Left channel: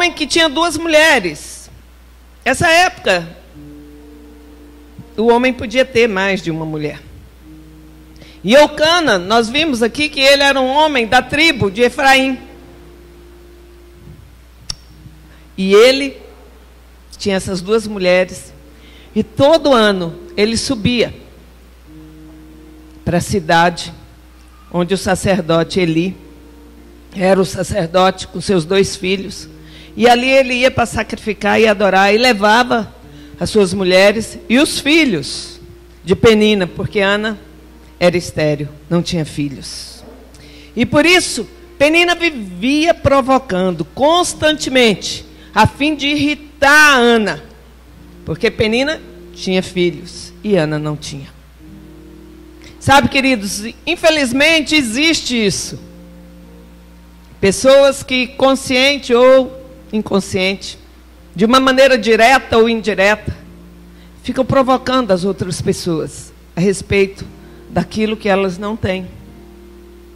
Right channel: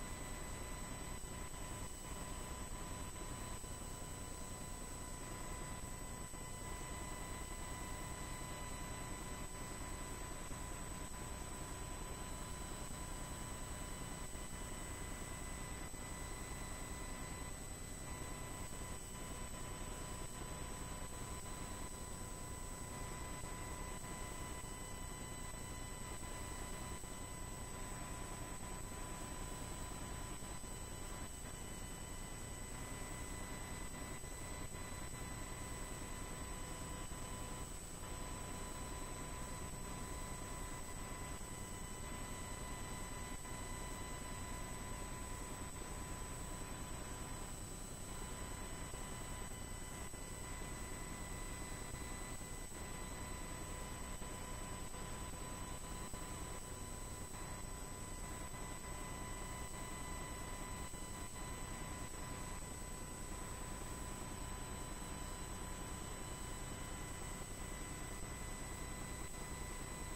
homem que tinha 2 mulheres. Essa época, o homem podia ter mais de uma mulher. E Eucana, nós vimos aqui que ele era um homem da tribo de Efraim. E ele tinha essas 2 mulheres. E todo ano ele subia para a cidade onde o sacerdote Eli era o sacerdote com seus 2 filhos. E ali ele ia para sacrificar e adorar. E levava as suas mulheres e os filhos de Penina, porque Ana era estéril, não tinha filhos. E por isso, Penina vivia provocando constantemente, a fim de irritar a Ana. Porque Penina tinha filhos e Ana não tinha. Sabe, queridos, infelizmente existe isso. Pessoas que, consciente ou inconsciente, de uma maneira direta ou indireta, ficam provocando as outras pessoas a respeito daquilo que elas não têm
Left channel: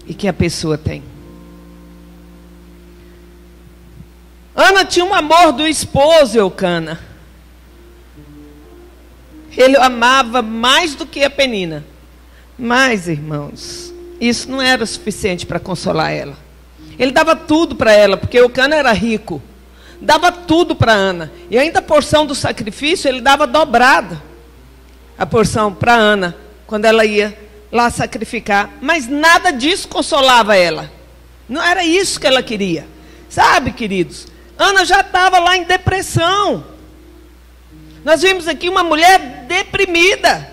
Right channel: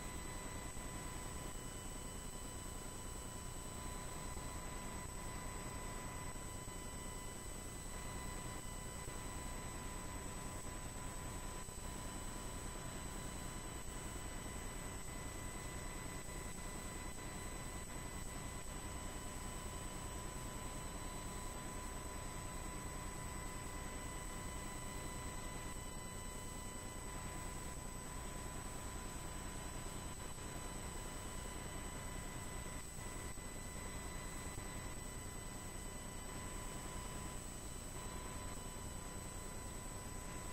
e que a pessoa tem. Ana tinha um amor do esposo, Eucana. Ele amava mais do que a Penina. Mas, irmãos, isso não era suficiente para consolar ela. Ele dava tudo para ela, porque Eucana era rico. Dava tudo para Ana. E ainda a porção do sacrifício, ele dava dobrada. A porção para Ana, quando ela ia lá sacrificar. Mas nada disso consolava ela. Não era isso que ela queria. Sabe, queridos, Ana já estava lá em depressão. Nós vimos aqui uma mulher deprimida.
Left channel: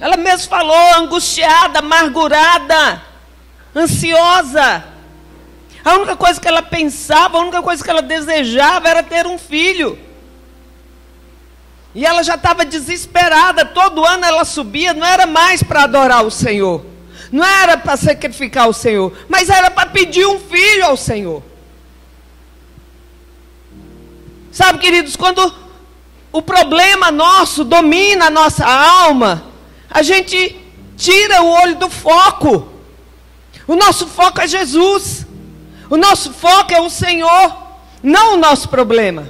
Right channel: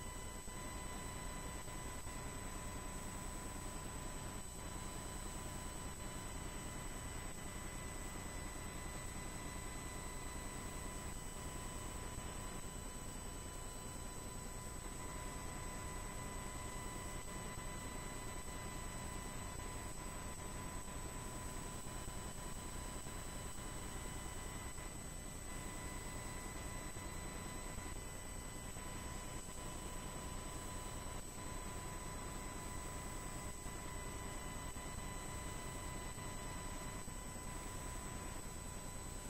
Ela mesmo falou, angustiada, amargurada, ansiosa. A única coisa que ela pensava, a única coisa que ela desejava era ter um filho. E ela já estava desesperada. Todo ano ela subia, não era mais para adorar o Senhor, não era para sacrificar o Senhor, mas era para pedir um filho ao Senhor. Sabe, queridos, quando o problema nosso domina a nossa alma, a gente tira o olho do foco. O nosso foco é Jesus. O nosso foco é o Senhor, não o nosso problema.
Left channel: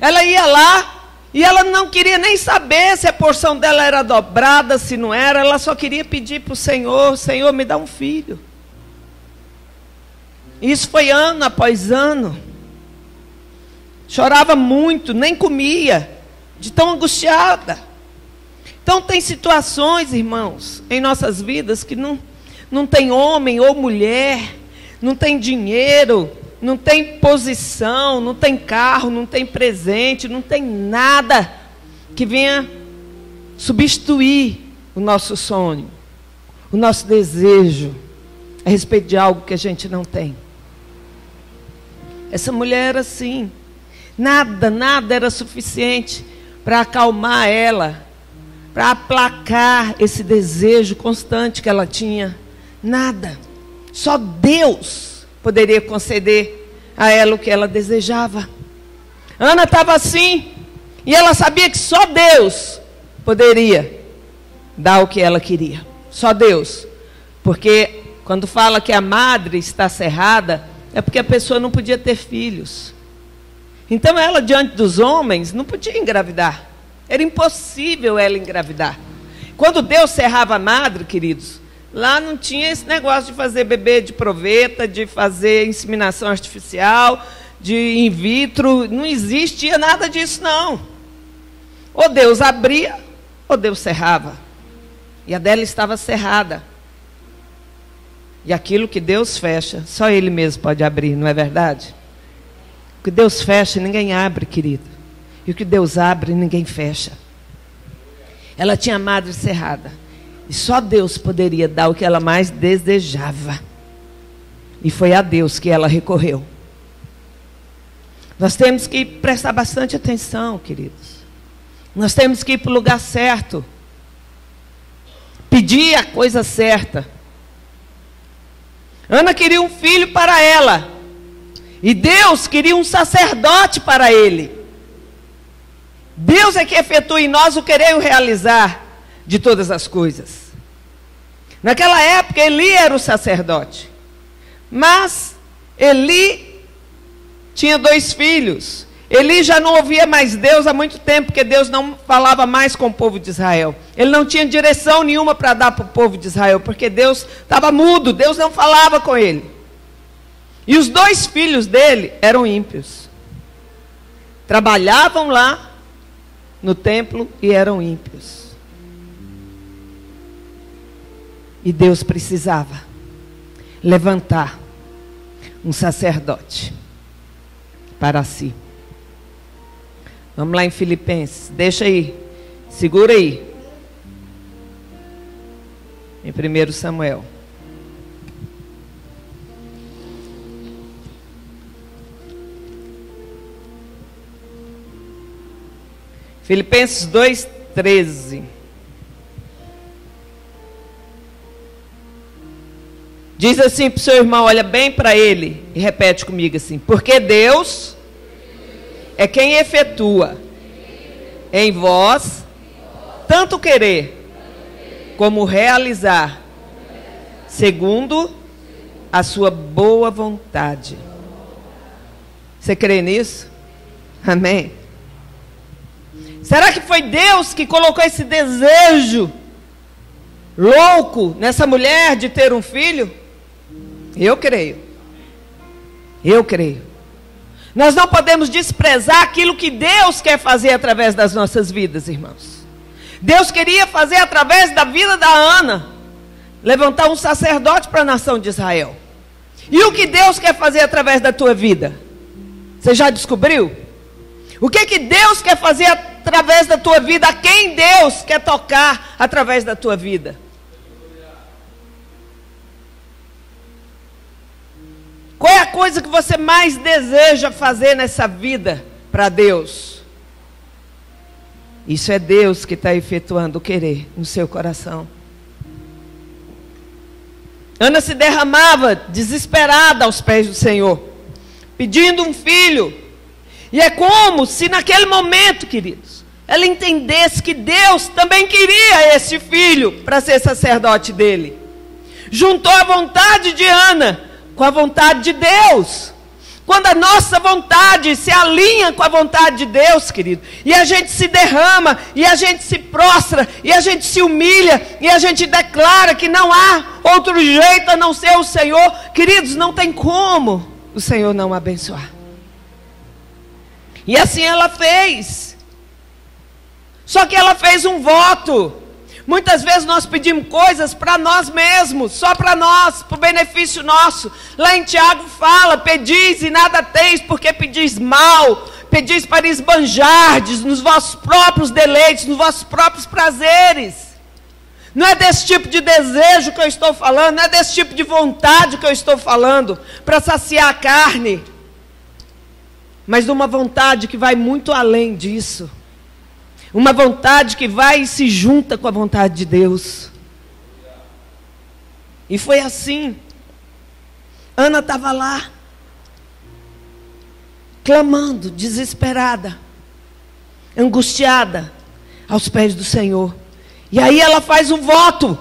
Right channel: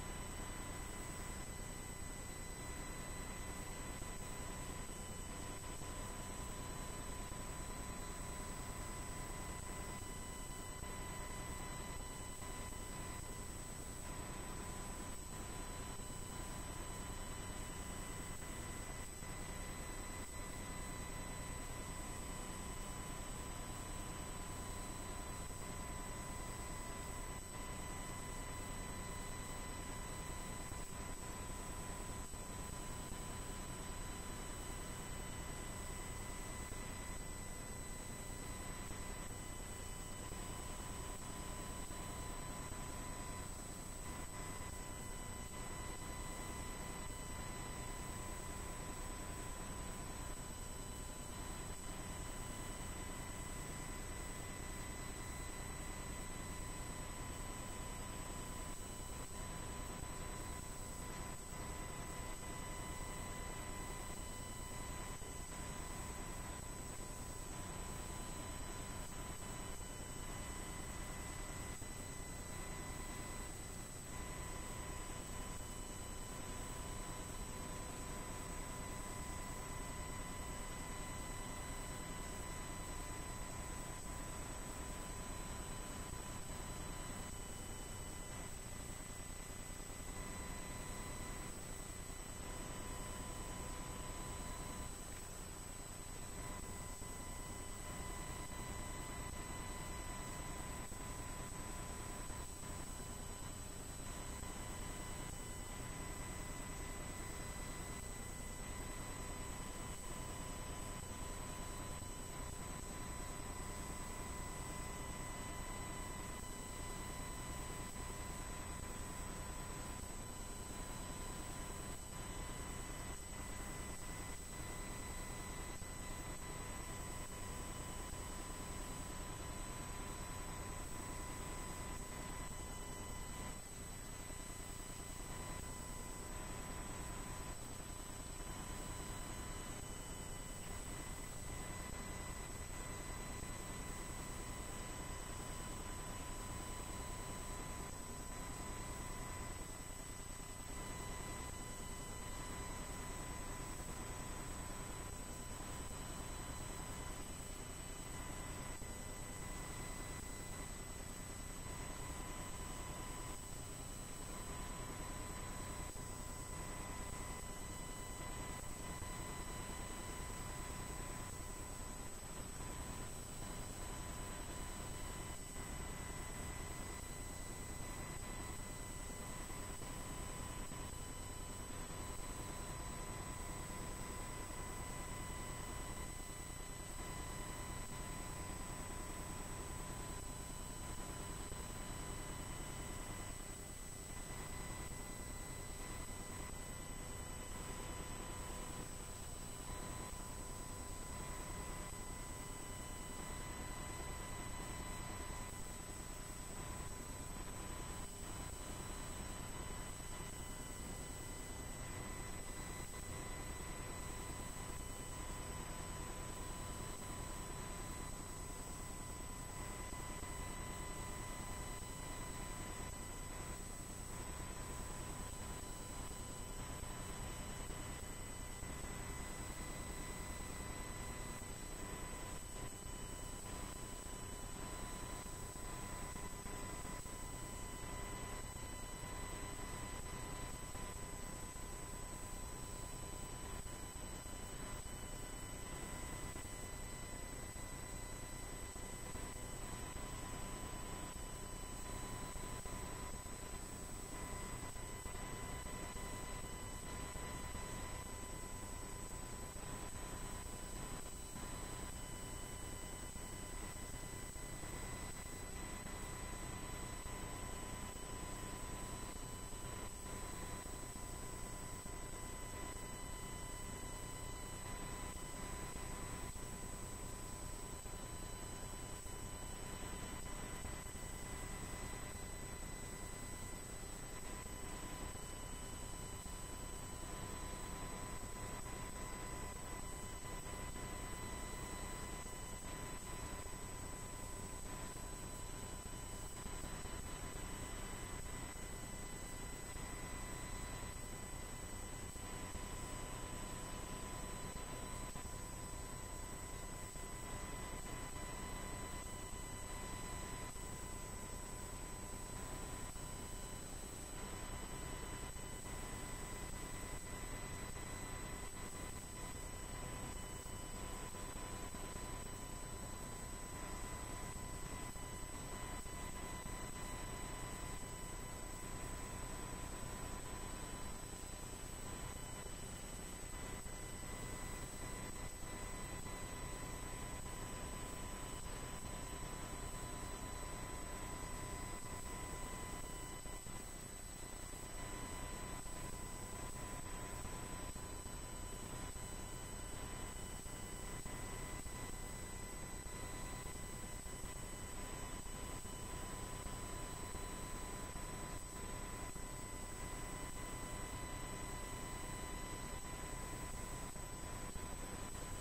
Ela ia lá e ela não queria nem saber se a porção dela era dobrada, se não era. Ela só queria pedir para o Senhor: Senhor, me dá um filho. Isso foi ano após ano. Chorava muito, nem comia, de tão angustiada. Então tem situações, irmãos, em nossas vidas que não tem homem ou mulher, não tem dinheiro, não tem posição, não tem carro, não tem presente, não tem nada que venha substituir o nosso sonho, o nosso desejo a respeito de algo que a gente não tem. Essa mulher era assim. Nada era suficiente para acalmar ela, para aplacar esse desejo constante que ela tinha. Nada. Só Deus poderia conceder a ela o que ela desejava. Ana estava assim, e ela sabia que só Deus poderia dar o que ela queria. Só Deus. Porque quando fala que a madre está cerrada, é porque a pessoa não podia ter filhos. Então ela, diante dos homens, não podia engravidar. Era impossível ela engravidar. Quando Deus cerrava a madre, queridos, lá não tinha esse negócio de fazer bebê de proveta, de fazer inseminação artificial, de in vitro. Não existia nada disso, não. Ou Deus abria, ou Deus cerrava. E a dela estava cerrada. E aquilo que Deus fecha, só Ele mesmo pode abrir, não é verdade? O que Deus fecha, ninguém abre, querido. E o que Deus abre, ninguém fecha. Ela tinha a madre cerrada. E só Deus poderia dar o que ela mais desejava. E foi a Deus que ela recorreu. Nós temos que prestar bastante atenção, queridos. Nós temos que ir para o lugar certo. Pedir a coisa certa. Ana queria um filho para ela. E Deus queria um sacerdote para ele. Deus é que efetua em nós o querer e o realizar de todas as coisas. Naquela época, Eli era o sacerdote. Mas Eli tinha 2 filhos. Eli já não ouvia mais Deus há muito tempo, porque Deus não falava mais com o povo de Israel. Ele não tinha direção nenhuma para dar para o povo de Israel, porque Deus estava mudo, Deus não falava com ele. E os 2 filhos dele eram ímpios. Trabalhavam lá no templo e eram ímpios. E Deus precisava levantar um sacerdote para si. Vamos lá em Filipenses, deixa aí, segura aí. Em 1 Samuel. Filipenses 2:13. Diz assim para o seu irmão, olha bem para ele e repete comigo assim: porque Deus é quem efetua em vós tanto querer como realizar, segundo a sua boa vontade. Você crê nisso? Amém? Será que foi Deus que colocou esse desejo louco nessa mulher de ter um filho? Eu creio. Eu creio. Nós não podemos desprezar aquilo que Deus quer fazer através das nossas vidas, irmãos. Deus queria fazer através da vida da Ana, levantar um sacerdote para a nação de Israel. E o que Deus quer fazer através da tua vida? Você já descobriu? O que Deus quer fazer através da tua vida? A quem Deus quer tocar através da tua vida? Qual é a coisa que você mais deseja fazer nessa vida para Deus? Isso é Deus que está efetuando o querer no seu coração. Ana se derramava desesperada aos pés do Senhor, pedindo um filho. E é como se naquele momento, queridos, ela entendesse que Deus também queria esse filho para ser sacerdote dele. Juntou a vontade de Ana com a vontade de Deus. Quando a nossa vontade se alinha com a vontade de Deus, querido, e a gente se derrama, e a gente se prostra, e a gente se humilha, e a gente declara que não há outro jeito a não ser o Senhor, queridos, não tem como o Senhor não abençoar. E assim ela fez. Só que ela fez um voto. Muitas vezes nós pedimos coisas para nós mesmos, só para nós, para o benefício nosso. Lá em Tiago fala, pedis e nada teis, porque pedis mal, pedis para esbanjardes nos vossos próprios deleites, nos vossos próprios prazeres. Não é desse tipo de desejo que eu estou falando, não é desse tipo de vontade que eu estou falando, para saciar a carne, mas de uma vontade que vai muito além disso. Uma vontade que vai e se junta com a vontade de Deus. E foi assim. Ana estava lá, clamando, desesperada, angustiada, aos pés do Senhor. E aí ela faz um voto.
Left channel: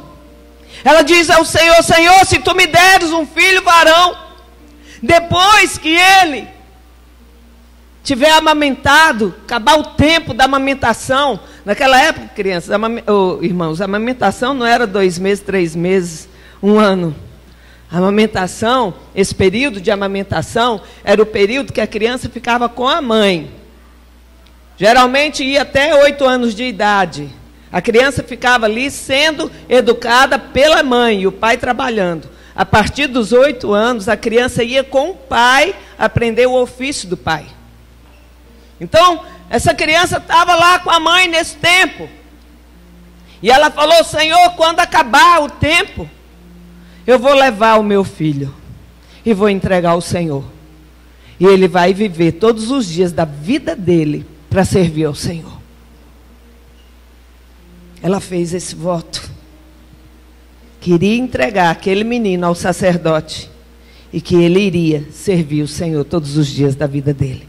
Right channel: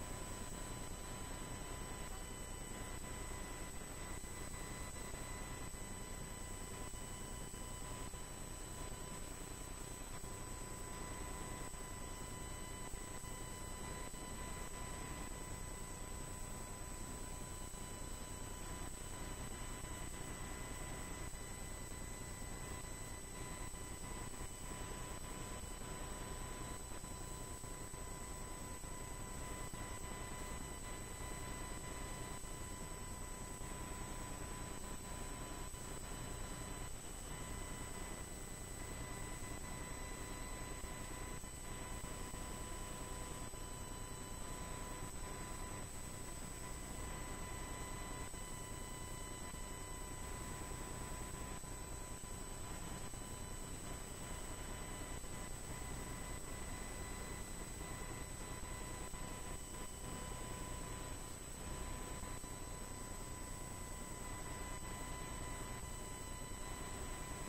Ela diz ao Senhor: Senhor, se tu me deres um filho varão, depois que ele tiver amamentado, acabar o tempo da amamentação. Naquela época, crianças, irmãos, a amamentação não era 2 meses, 3 meses, 1 ano. A amamentação, esse período de amamentação, era o período que a criança ficava com a mãe. Geralmente ia até 8 anos de idade. A criança ficava ali sendo educada pela mãe e o pai trabalhando. A partir dos 8 anos, a criança ia com o pai aprender o ofício do pai. Então, essa criança estava lá com a mãe nesse tempo. E ela falou: Senhor, quando acabar o tempo, eu vou levar o meu filho e vou entregar ao Senhor. E ele vai viver todos os dias da vida dele para servir ao Senhor. Ela fez esse voto. Queria entregar aquele menino ao sacerdote e que ele iria servir o Senhor todos os dias da vida dele.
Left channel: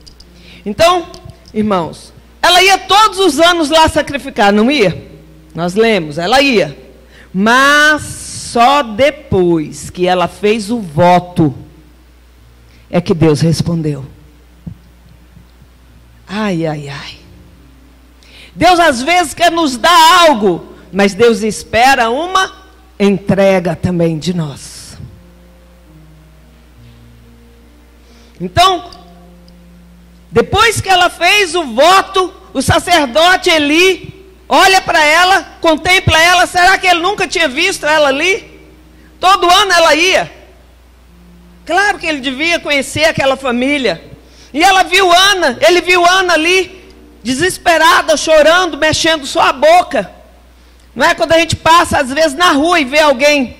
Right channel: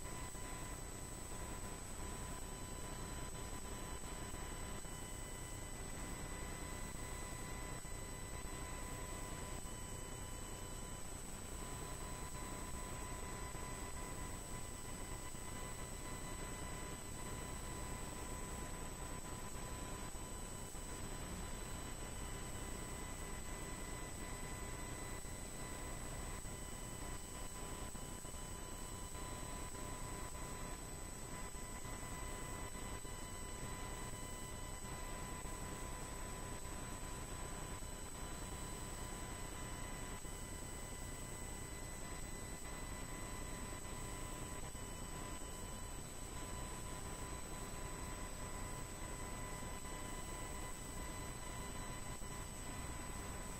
Então, irmãos, ela ia todos os anos lá sacrificar, não ia? Nós lemos, ela ia. Mas só depois que ela fez o voto, é que Deus respondeu. Ai, ai, ai. Deus às vezes quer nos dar algo, mas Deus espera uma entrega também de nós. Então, depois que ela fez o voto, o sacerdote Eli olha para ela, contempla ela. Será que ele nunca tinha visto ela ali? Todo ano ela ia. Claro que ele devia conhecer aquela família. E ela viu Ana, ele viu Ana ali, desesperada, chorando, mexendo só a boca. Não é? Quando a gente passa, às vezes, na rua e vê alguém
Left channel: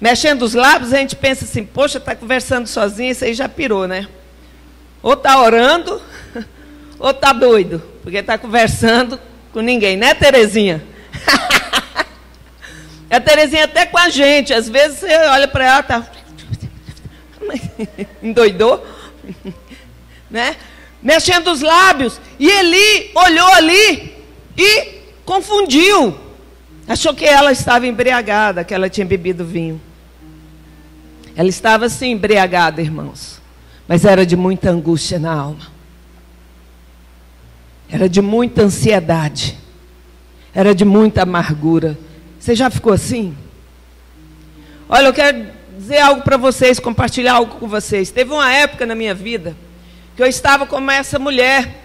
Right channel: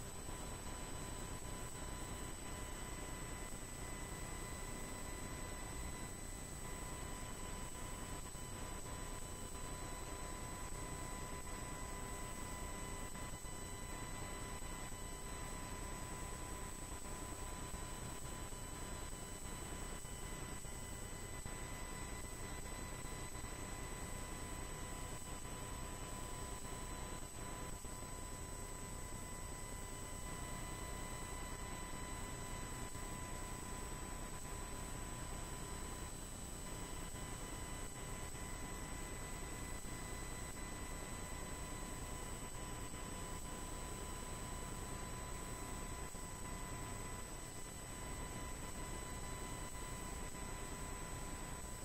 mexendo os lábios, a gente pensa assim, poxa, está conversando sozinha, isso aí já pirou, né? Ou está orando, ou está doido, porque está conversando com ninguém, né, Terezinha? A Terezinha até com a gente, às vezes você olha para ela, tá... endoidou, né? Mexendo os lábios, e Eli olhou ali e confundiu, achou que ela estava embriagada, que ela tinha bebido vinho. Ela estava assim embriagada, irmãos, mas era de muita angústia na alma, era de muita ansiedade, era de muita amargura. Você já ficou assim? Olha, eu quero dizer algo para vocês, compartilhar algo com vocês. Teve uma época na minha vida que eu estava como essa mulher.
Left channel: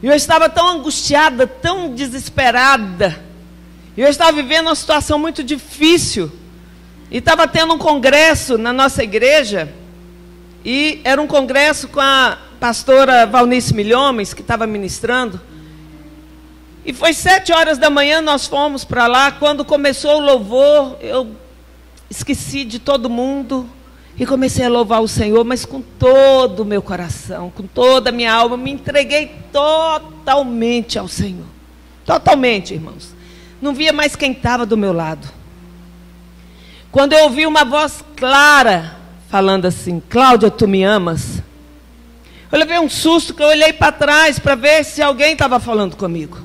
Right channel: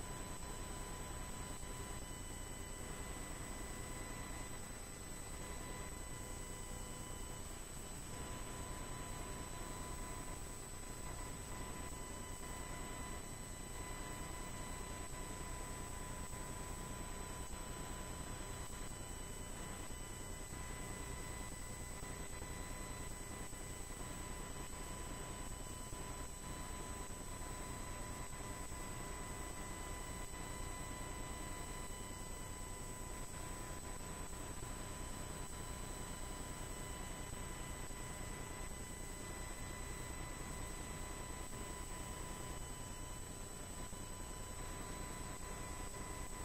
E eu estava tão angustiada, tão desesperada. E eu estava vivendo uma situação muito difícil. E estava tendo um congresso na nossa igreja. E era um congresso com a pastora Valnice Milhomens, que estava ministrando. E foi 7 horas da manhã, nós fomos para lá. Quando começou o louvor, eu esqueci de todo mundo e comecei a louvar o Senhor, mas com todo o meu coração, com toda a minha alma, me entreguei totalmente ao Senhor. Totalmente, irmãos. Não via mais quem estava do meu lado. Quando eu ouvi uma voz clara, falando assim, Cláudia, tu me amas? Eu levei um susto, que eu olhei para trás, para ver se alguém estava falando comigo.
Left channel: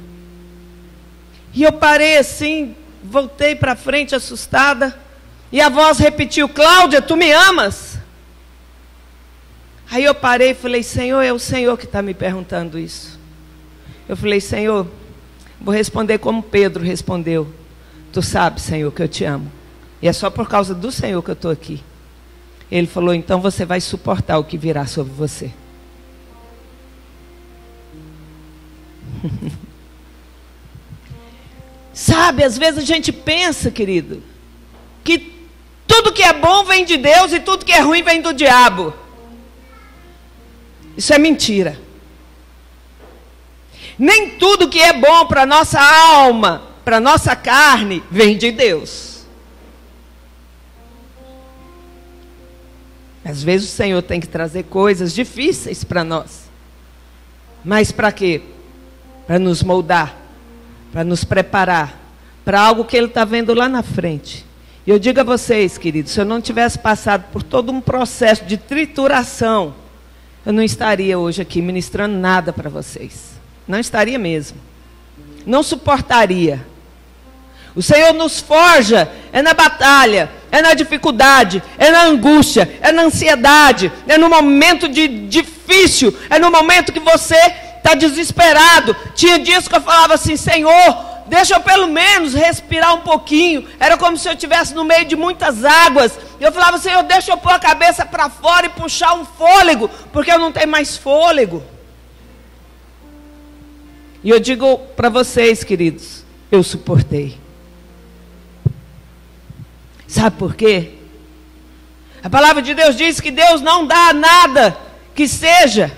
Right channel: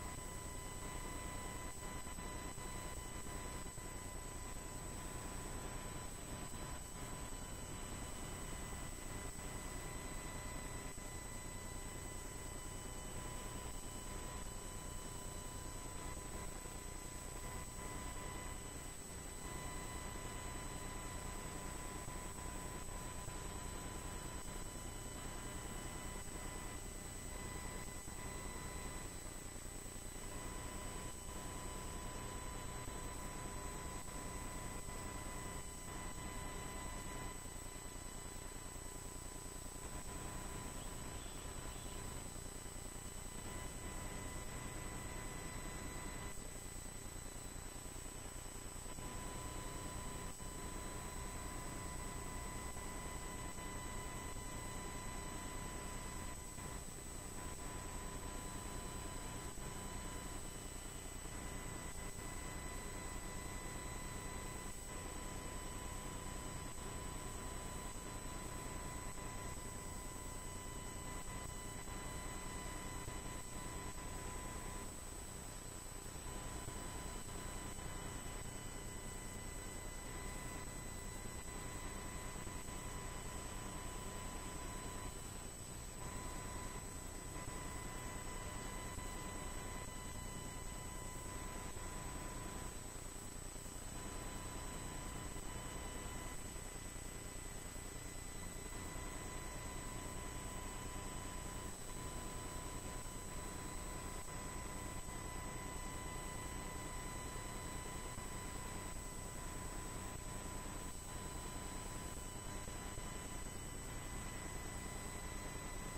E eu parei assim, voltei para frente, assustada, e a voz repetiu, Cláudia, tu me amas? Aí eu parei e falei, Senhor, é o Senhor que está me perguntando isso. Eu falei, Senhor, vou responder como Pedro respondeu. Tu sabes, Senhor, que eu te amo. E é só por causa do Senhor que eu estou aqui. Ele falou, então você vai suportar o que virá sobre você. Sabe, às vezes a gente pensa, querido, que tudo que é bom vem de Deus e tudo que é ruim vem do diabo. Isso é mentira. Nem tudo que é bom para a nossa alma, para a nossa carne, vem de Deus. Às vezes o Senhor tem que trazer coisas difíceis para nós. Mas para quê? Para nos moldar, para nos preparar, para algo que Ele está vendo lá na frente. E eu digo a vocês, queridos, se eu não tivesse passado por todo um processo de trituração, eu não estaria hoje aqui ministrando nada para vocês. Não estaria mesmo. Não suportaria. O Senhor nos forja, é na batalha, é na dificuldade, é na angústia, é na ansiedade, é no momento difícil, é no momento que você está desesperado. Tinha dias que eu falava assim, Senhor, deixa eu pelo menos respirar um pouquinho. Era como se eu estivesse no meio de muitas águas. Eu falava, Senhor, deixa eu pôr a cabeça para fora e puxar um fôlego, porque eu não tenho mais fôlego. E eu digo para vocês, queridos, eu suportei. Sabe por quê? A palavra de Deus diz que Deus não dá nada que seja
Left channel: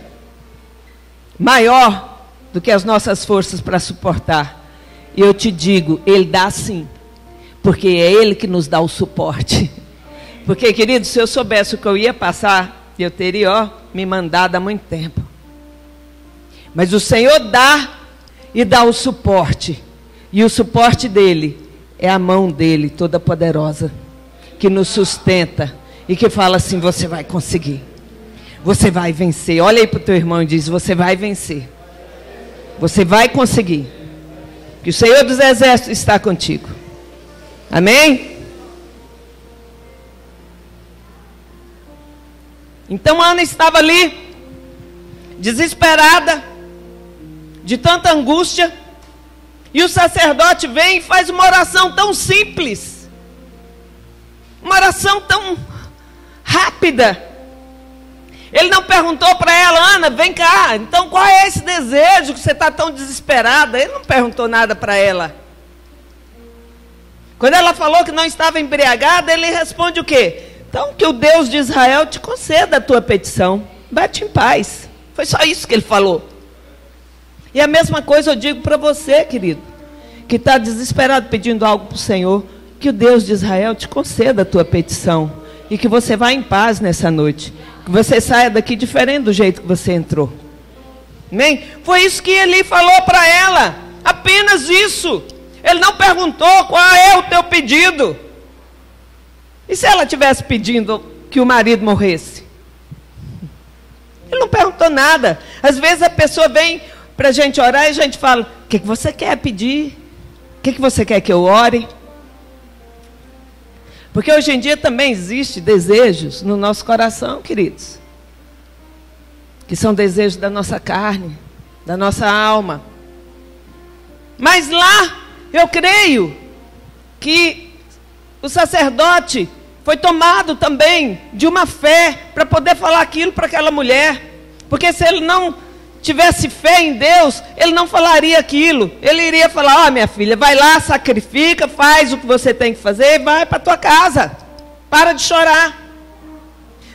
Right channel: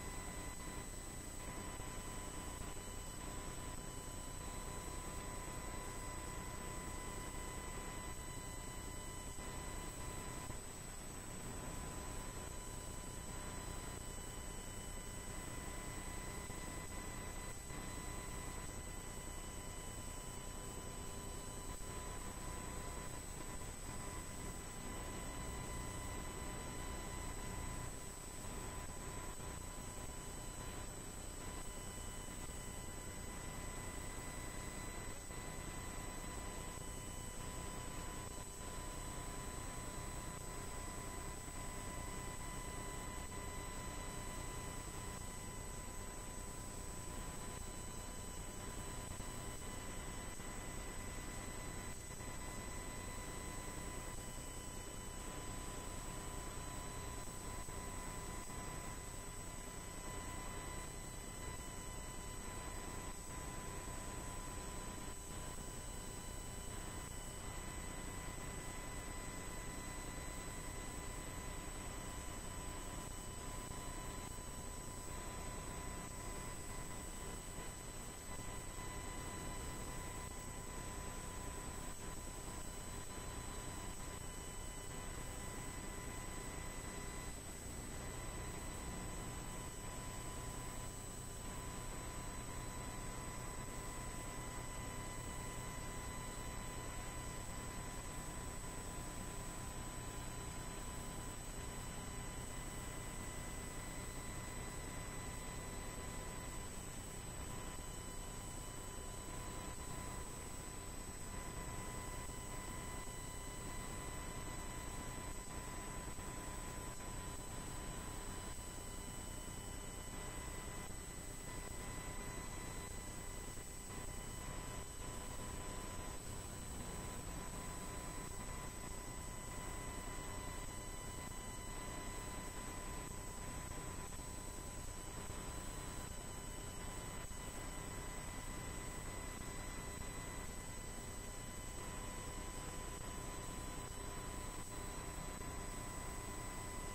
maior do que as nossas forças para suportar. E eu te digo, Ele dá sim, porque é Ele que nos dá o suporte. Porque, querido, se eu soubesse o que eu ia passar, eu teria, me mandado há muito tempo. Mas o Senhor dá e dá o suporte. E o suporte dEle é a mão dEle, toda poderosa, que nos sustenta e que fala assim, você vai conseguir. Você vai vencer. Olha aí para o teu irmão e diz, você vai vencer. Você vai conseguir. Que o Senhor dos Exércitos está contigo. Amém? Então Ana estava ali, desesperada, de tanta angústia, e o sacerdote vem e faz uma oração tão simples, uma oração tão rápida. Ele não perguntou para ela: Ana, vem cá, então qual é esse desejo que você está tão desesperada? Ele não perguntou nada para ela. Quando ela falou que não estava embriagada, ele responde o quê? Então que o Deus de Israel te conceda a tua petição, vai-te em paz. Foi só isso que ele falou. E a mesma coisa eu digo para você, querido, que está desesperado pedindo algo para o Senhor, que o Deus de Israel te conceda a tua petição, e que você vá em paz nessa noite, que você saia daqui diferente do jeito que você entrou. Amém? Foi isso que Eli falou para ela, apenas isso. Ele não perguntou qual é o teu pedido. E se ela tivesse pedindo que o marido morresse? Ele não perguntou nada. Às vezes a pessoa vem para a gente orar e a gente fala: o que você quer pedir? O que você quer que eu ore? Porque hoje em dia também existem desejos no nosso coração, queridos, que são desejos da nossa carne, da nossa alma. Mas lá, eu creio que o sacerdote foi tomado também de uma fé para poder falar aquilo para aquela mulher. Porque se ele não tivesse fé em Deus, ele não falaria aquilo. Ele iria falar: ó, minha filha, vai lá, sacrifica, faz o que você tem que fazer e vai para a tua casa. Para de chorar.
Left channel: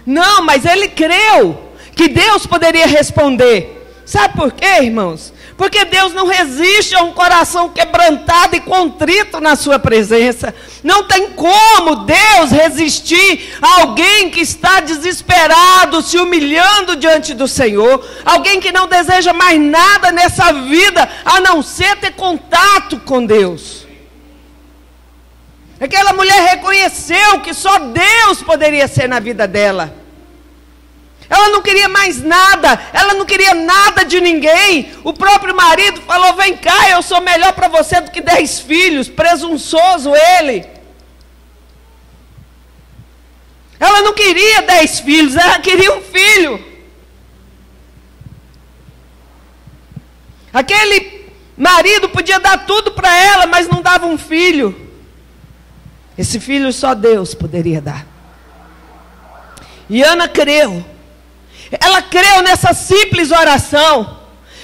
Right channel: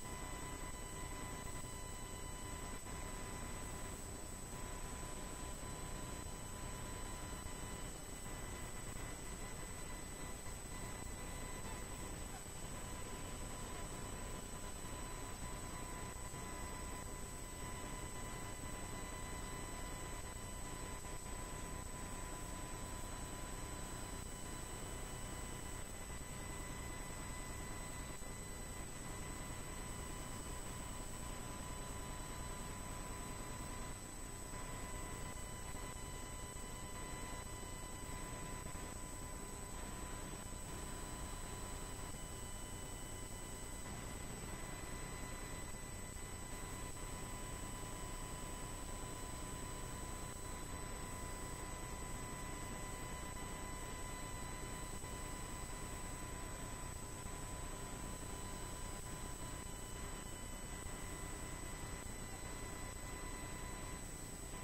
Não, mas ele creu que Deus poderia responder. Sabe por quê, irmãos? Porque Deus não resiste a um coração quebrantado e contrito na sua presença. Não tem como Deus resistir a alguém que está desesperado, se humilhando diante do Senhor. Alguém que não deseja mais nada nessa vida, a não ser ter contato com Deus. Aquela mulher reconheceu que só Deus poderia ser na vida dela. Ela não queria mais nada, ela não queria nada de ninguém. O próprio marido falou: vem cá, eu sou melhor para você do que 10 filhos, presunçoso ele. Ela não queria 10 filhos, ela queria um filho. Aquele marido podia dar tudo para ela, mas não dava um filho. Esse filho só Deus poderia dar. E Ana creu. Ela creu nessa simples oração.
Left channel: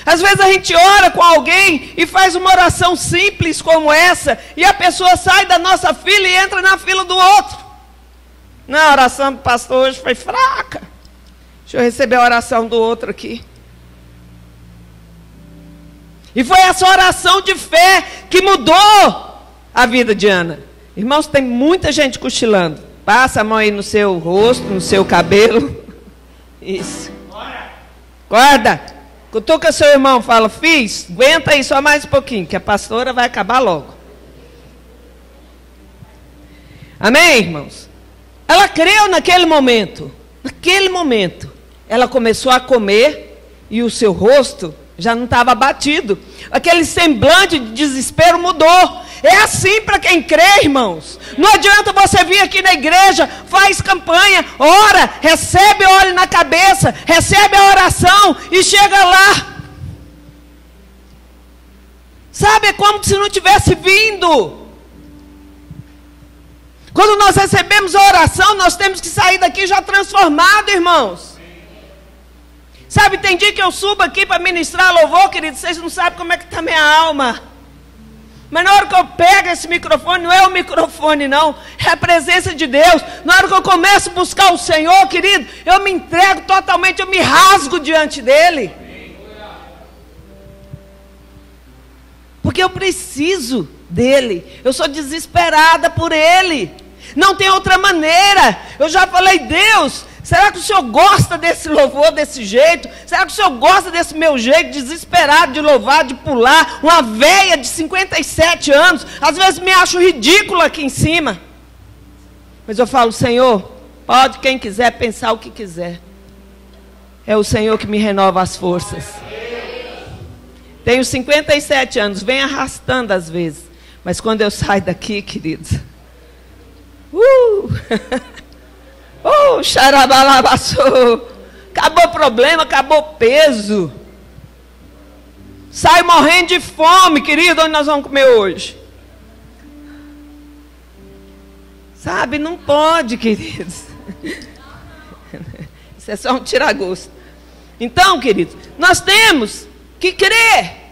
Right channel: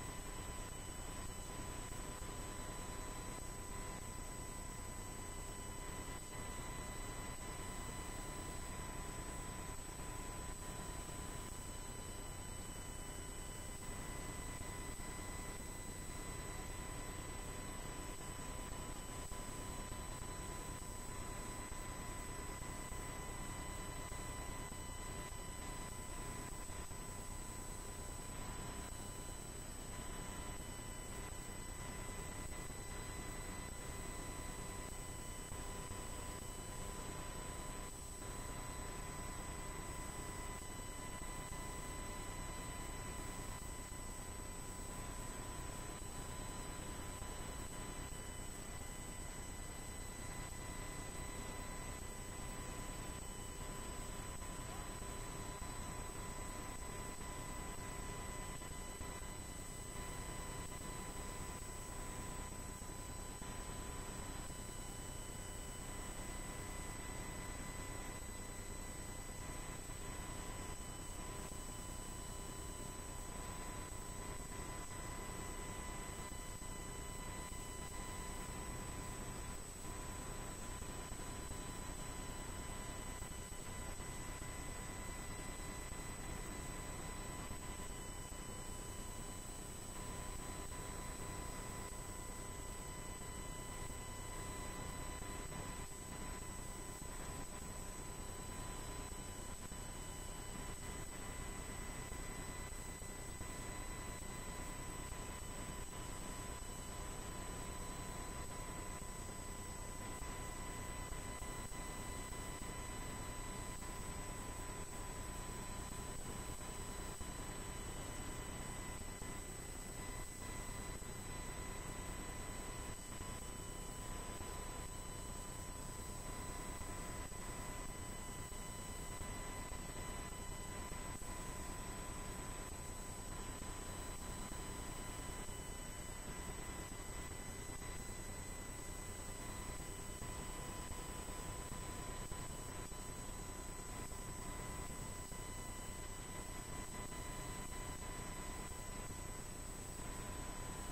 Às vezes a gente ora com alguém e faz uma oração simples como essa, e a pessoa sai da nossa fila e entra na fila do outro. Não, a oração do pastor hoje foi fraca. Deixa eu receber a oração do outro aqui. E foi essa oração de fé que mudou a vida de Ana. Irmãos, tem muita gente cochilando. Passa a mão aí no seu rosto, no seu cabelo. Isso. Guarda. Cutuca seu irmão, fala: fiz, aguenta aí só mais um pouquinho, que a pastora vai acabar logo. Amém, irmãos? Ela creu naquele momento. Naquele momento, ela começou a comer e o seu rosto já não estava abatido. Aquele semblante de desespero mudou. É assim para quem crê, irmãos. Não adianta você vir aqui na igreja, faz campanha, ora, recebe óleo na cabeça, recebe a oração e chega lá. Sabe, é como se não tivesse vindo. Quando nós recebemos a oração, nós temos que sair daqui já transformado, irmãos. Sabe, tem dia que eu subo aqui para ministrar louvor, querido, vocês não sabem como é que está minha alma. Mas na hora que eu pego esse microfone, não é o microfone não, é a presença de Deus. Na hora que eu começo a buscar o Senhor, querido, eu me entrego totalmente, eu me rasgo diante dEle. Porque eu preciso dEle, eu sou desesperada por Ele. Não tem outra maneira. Eu já falei: Deus, será que o Senhor gosta desse louvor desse jeito? Será que o Senhor gosta desse meu jeito desesperado de louvar, de pular? Uma véia de 57 anos, às vezes me acho ridícula aqui em cima. Mas eu falo: Senhor, pode quem quiser pensar o que quiser. É o Senhor que me renova as forças. Tenho 57 anos, venho arrastando às vezes. Mas quando eu saio daqui, queridos, Oh, xarabalabaçou. Acabou o problema, acabou o peso. Sai morrendo de fome, querido, onde nós vamos comer hoje? Sabe, não pode, queridos. Isso é só um tira-gosto. Então, queridos, nós temos que crer.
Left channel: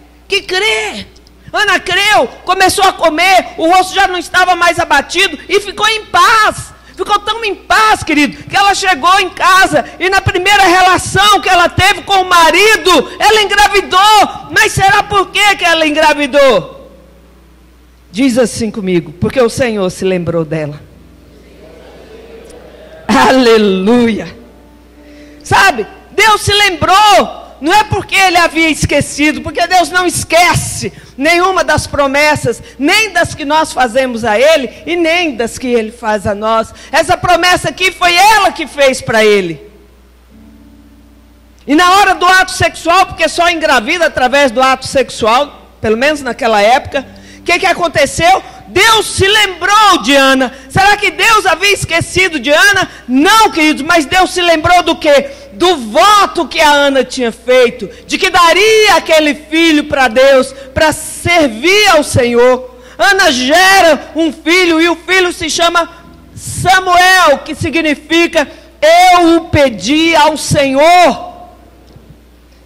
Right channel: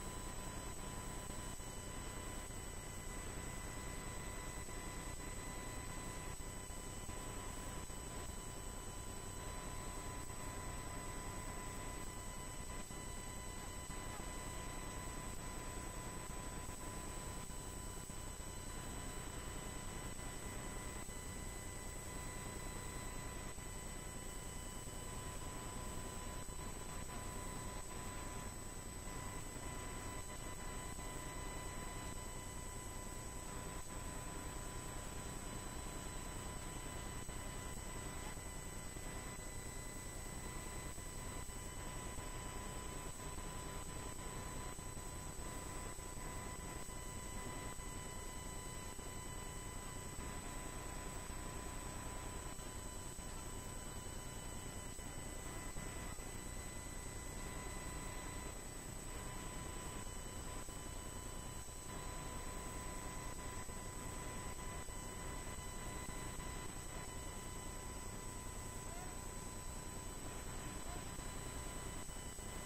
Ana creu, começou a comer, o rosto já não estava mais abatido e ficou em paz. Ficou tão em paz, querido, que ela chegou em casa e na primeira relação que ela teve com o marido, ela engravidou. Mas será por que ela engravidou? Diz assim comigo, porque o Senhor se lembrou dela. Aleluia. Sabe, Deus se lembrou. Não é porque ele havia esquecido, porque Deus não esquece nenhuma das promessas, nem das que nós fazemos a ele, e nem das que ele faz a nós. Essa promessa aqui foi ela que fez para ele. E na hora do ato sexual, porque só engravida através do ato sexual, pelo menos naquela época, o que aconteceu? Deus se lembrou de Ana. Será que Deus havia esquecido de Ana? Não, queridos, mas Deus se lembrou do quê? Do voto que a Ana tinha feito, de que daria aquele filho para Deus, para servir ao Senhor. Ana gera um filho, e o filho se chama Samuel, que significa, eu o pedi ao Senhor.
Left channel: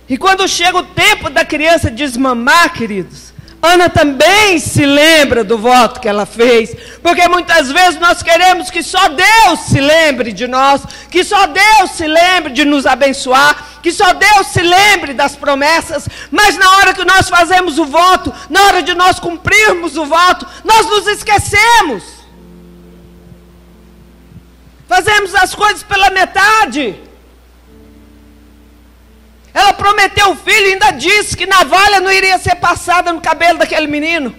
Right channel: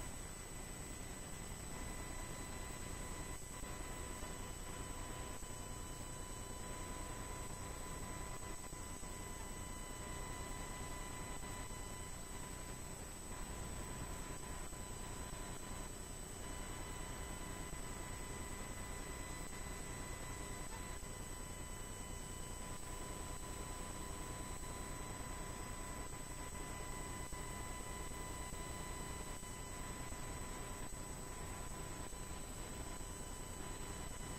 E quando chega o tempo da criança desmamar, queridos, Ana também se lembra do voto que ela fez, porque muitas vezes nós queremos que só Deus se lembre de nós, que só Deus se lembre de nos abençoar, que só Deus se lembre das promessas, mas na hora que nós fazemos o voto, na hora de nós cumprirmos o voto, nós nos esquecemos. Fazemos as coisas pela metade. Ela prometeu o filho e ainda disse que navalha não iria ser passada no cabelo daquele menino.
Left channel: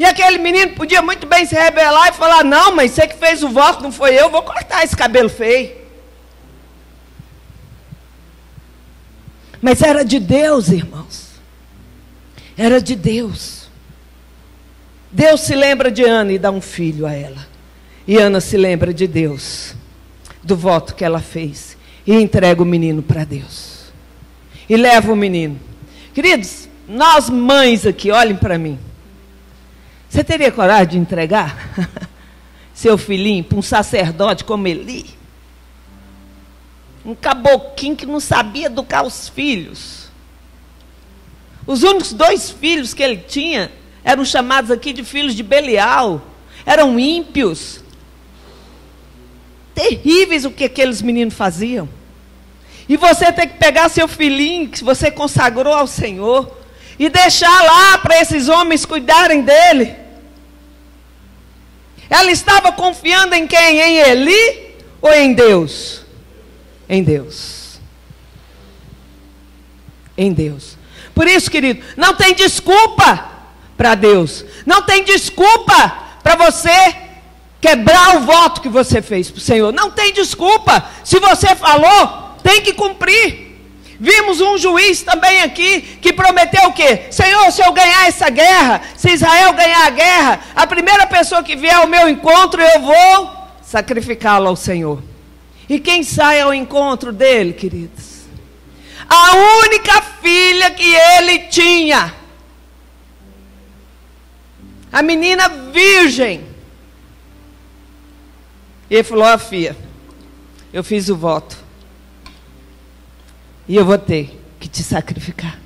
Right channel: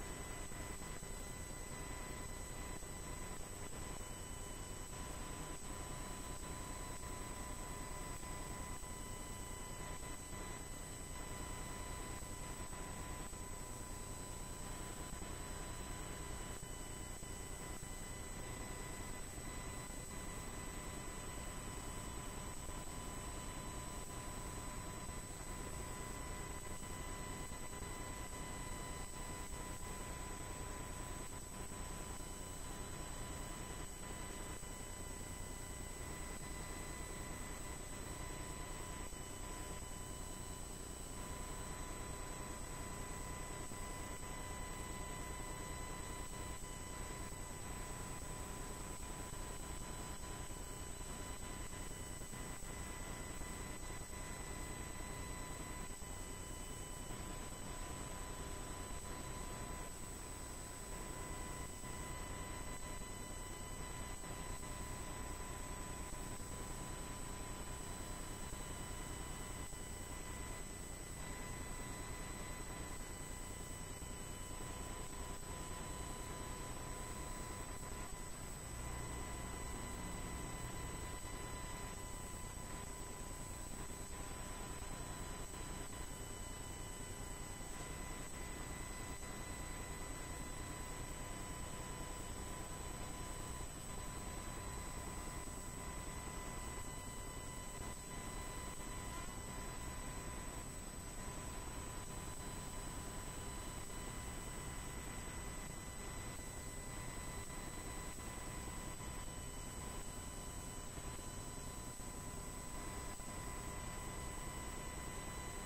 E aquele menino podia muito bem se rebelar e falar, não, mas você que fez o voto, não foi eu, vou cortar esse cabelo feio. Mas era de Deus, irmãos. Era de Deus. Deus se lembra de Ana e dá um filho a ela. E Ana se lembra de Deus, do voto que ela fez. E entrega o menino para Deus. E leva o menino. Queridos, nós mães aqui, olhem para mim. Você teria coragem de entregar seu filhinho para um sacerdote como Eli? Um caboquinho que não sabia educar os filhos. Os únicos 2 filhos que ele tinha eram chamados aqui de filhos de Belial. Eram ímpios. Terríveis o que aqueles meninos faziam. E você tem que pegar seu filhinho, que você consagrou ao Senhor, e deixar lá para esses homens cuidarem dele. Ela estava confiando em quem? Em Eli ou em Deus? Em Deus. Em Deus. Por isso, querido, não tem desculpa para Deus. Não tem desculpa para você quebrar o voto que você fez para o Senhor. Não tem desculpa. Se você falou, tem que cumprir. Vimos um juiz também aqui que prometeu o quê? Senhor, se eu ganhar essa guerra, se Israel ganhar a guerra, a primeira pessoa que vier ao meu encontro, eu vou sacrificá-la ao Senhor. E quem sai ao encontro dele, queridos? A única filha que ele tinha. A menina virgem. E ele falou, ó filha, eu fiz o voto. E eu vou ter que te sacrificar.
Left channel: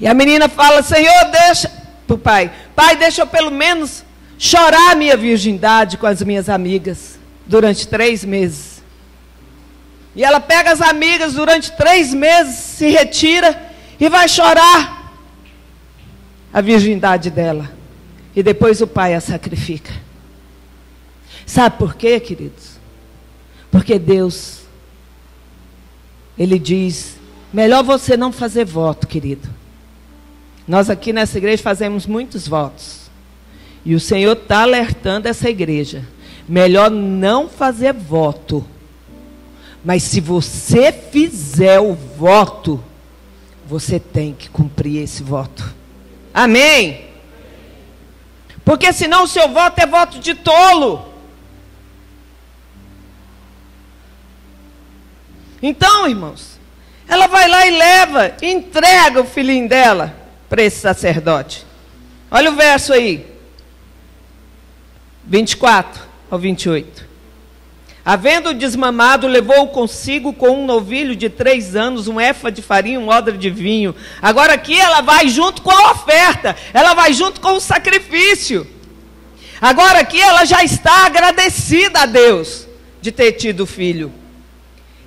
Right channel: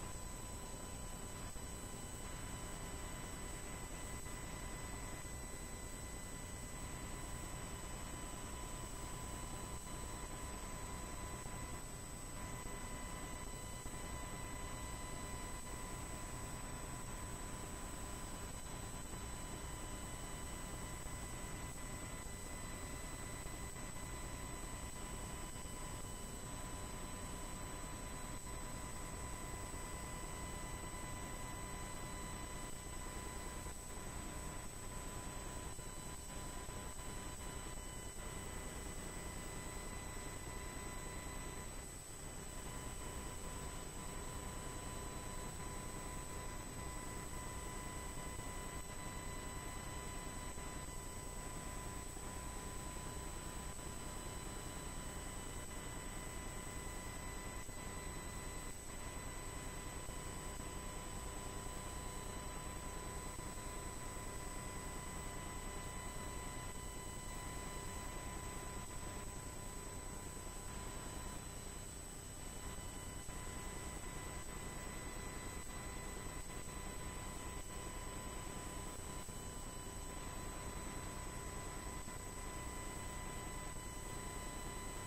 E a menina fala, Senhor, deixa para o pai. Pai, deixa eu pelo menos chorar a minha virgindade com as minhas amigas durante 3 meses. E ela pega as amigas durante 3 meses, se retira e vai chorar a virgindade dela. E depois o pai a sacrifica. Sabe por quê, queridos? Porque Deus... Ele diz, melhor você não fazer voto, querido. Nós aqui nessa igreja fazemos muitos votos. E o Senhor está alertando essa igreja. Melhor não fazer voto. Mas se você fizer o voto, você tem que cumprir esse voto. Amém? Porque senão o seu voto é voto de tolo. Então, irmãos, ela vai lá e leva, entrega o filhinho dela para esse sacerdote. Olha o verso aí, 24 ao 28. Havendo desmamado, levou consigo com um novilho de 3 anos, um éfa de farinha, um odre de vinho. Agora aqui ela vai junto com a oferta, ela vai junto com o sacrifício. Agora aqui ela já está agradecida a Deus de ter tido filho.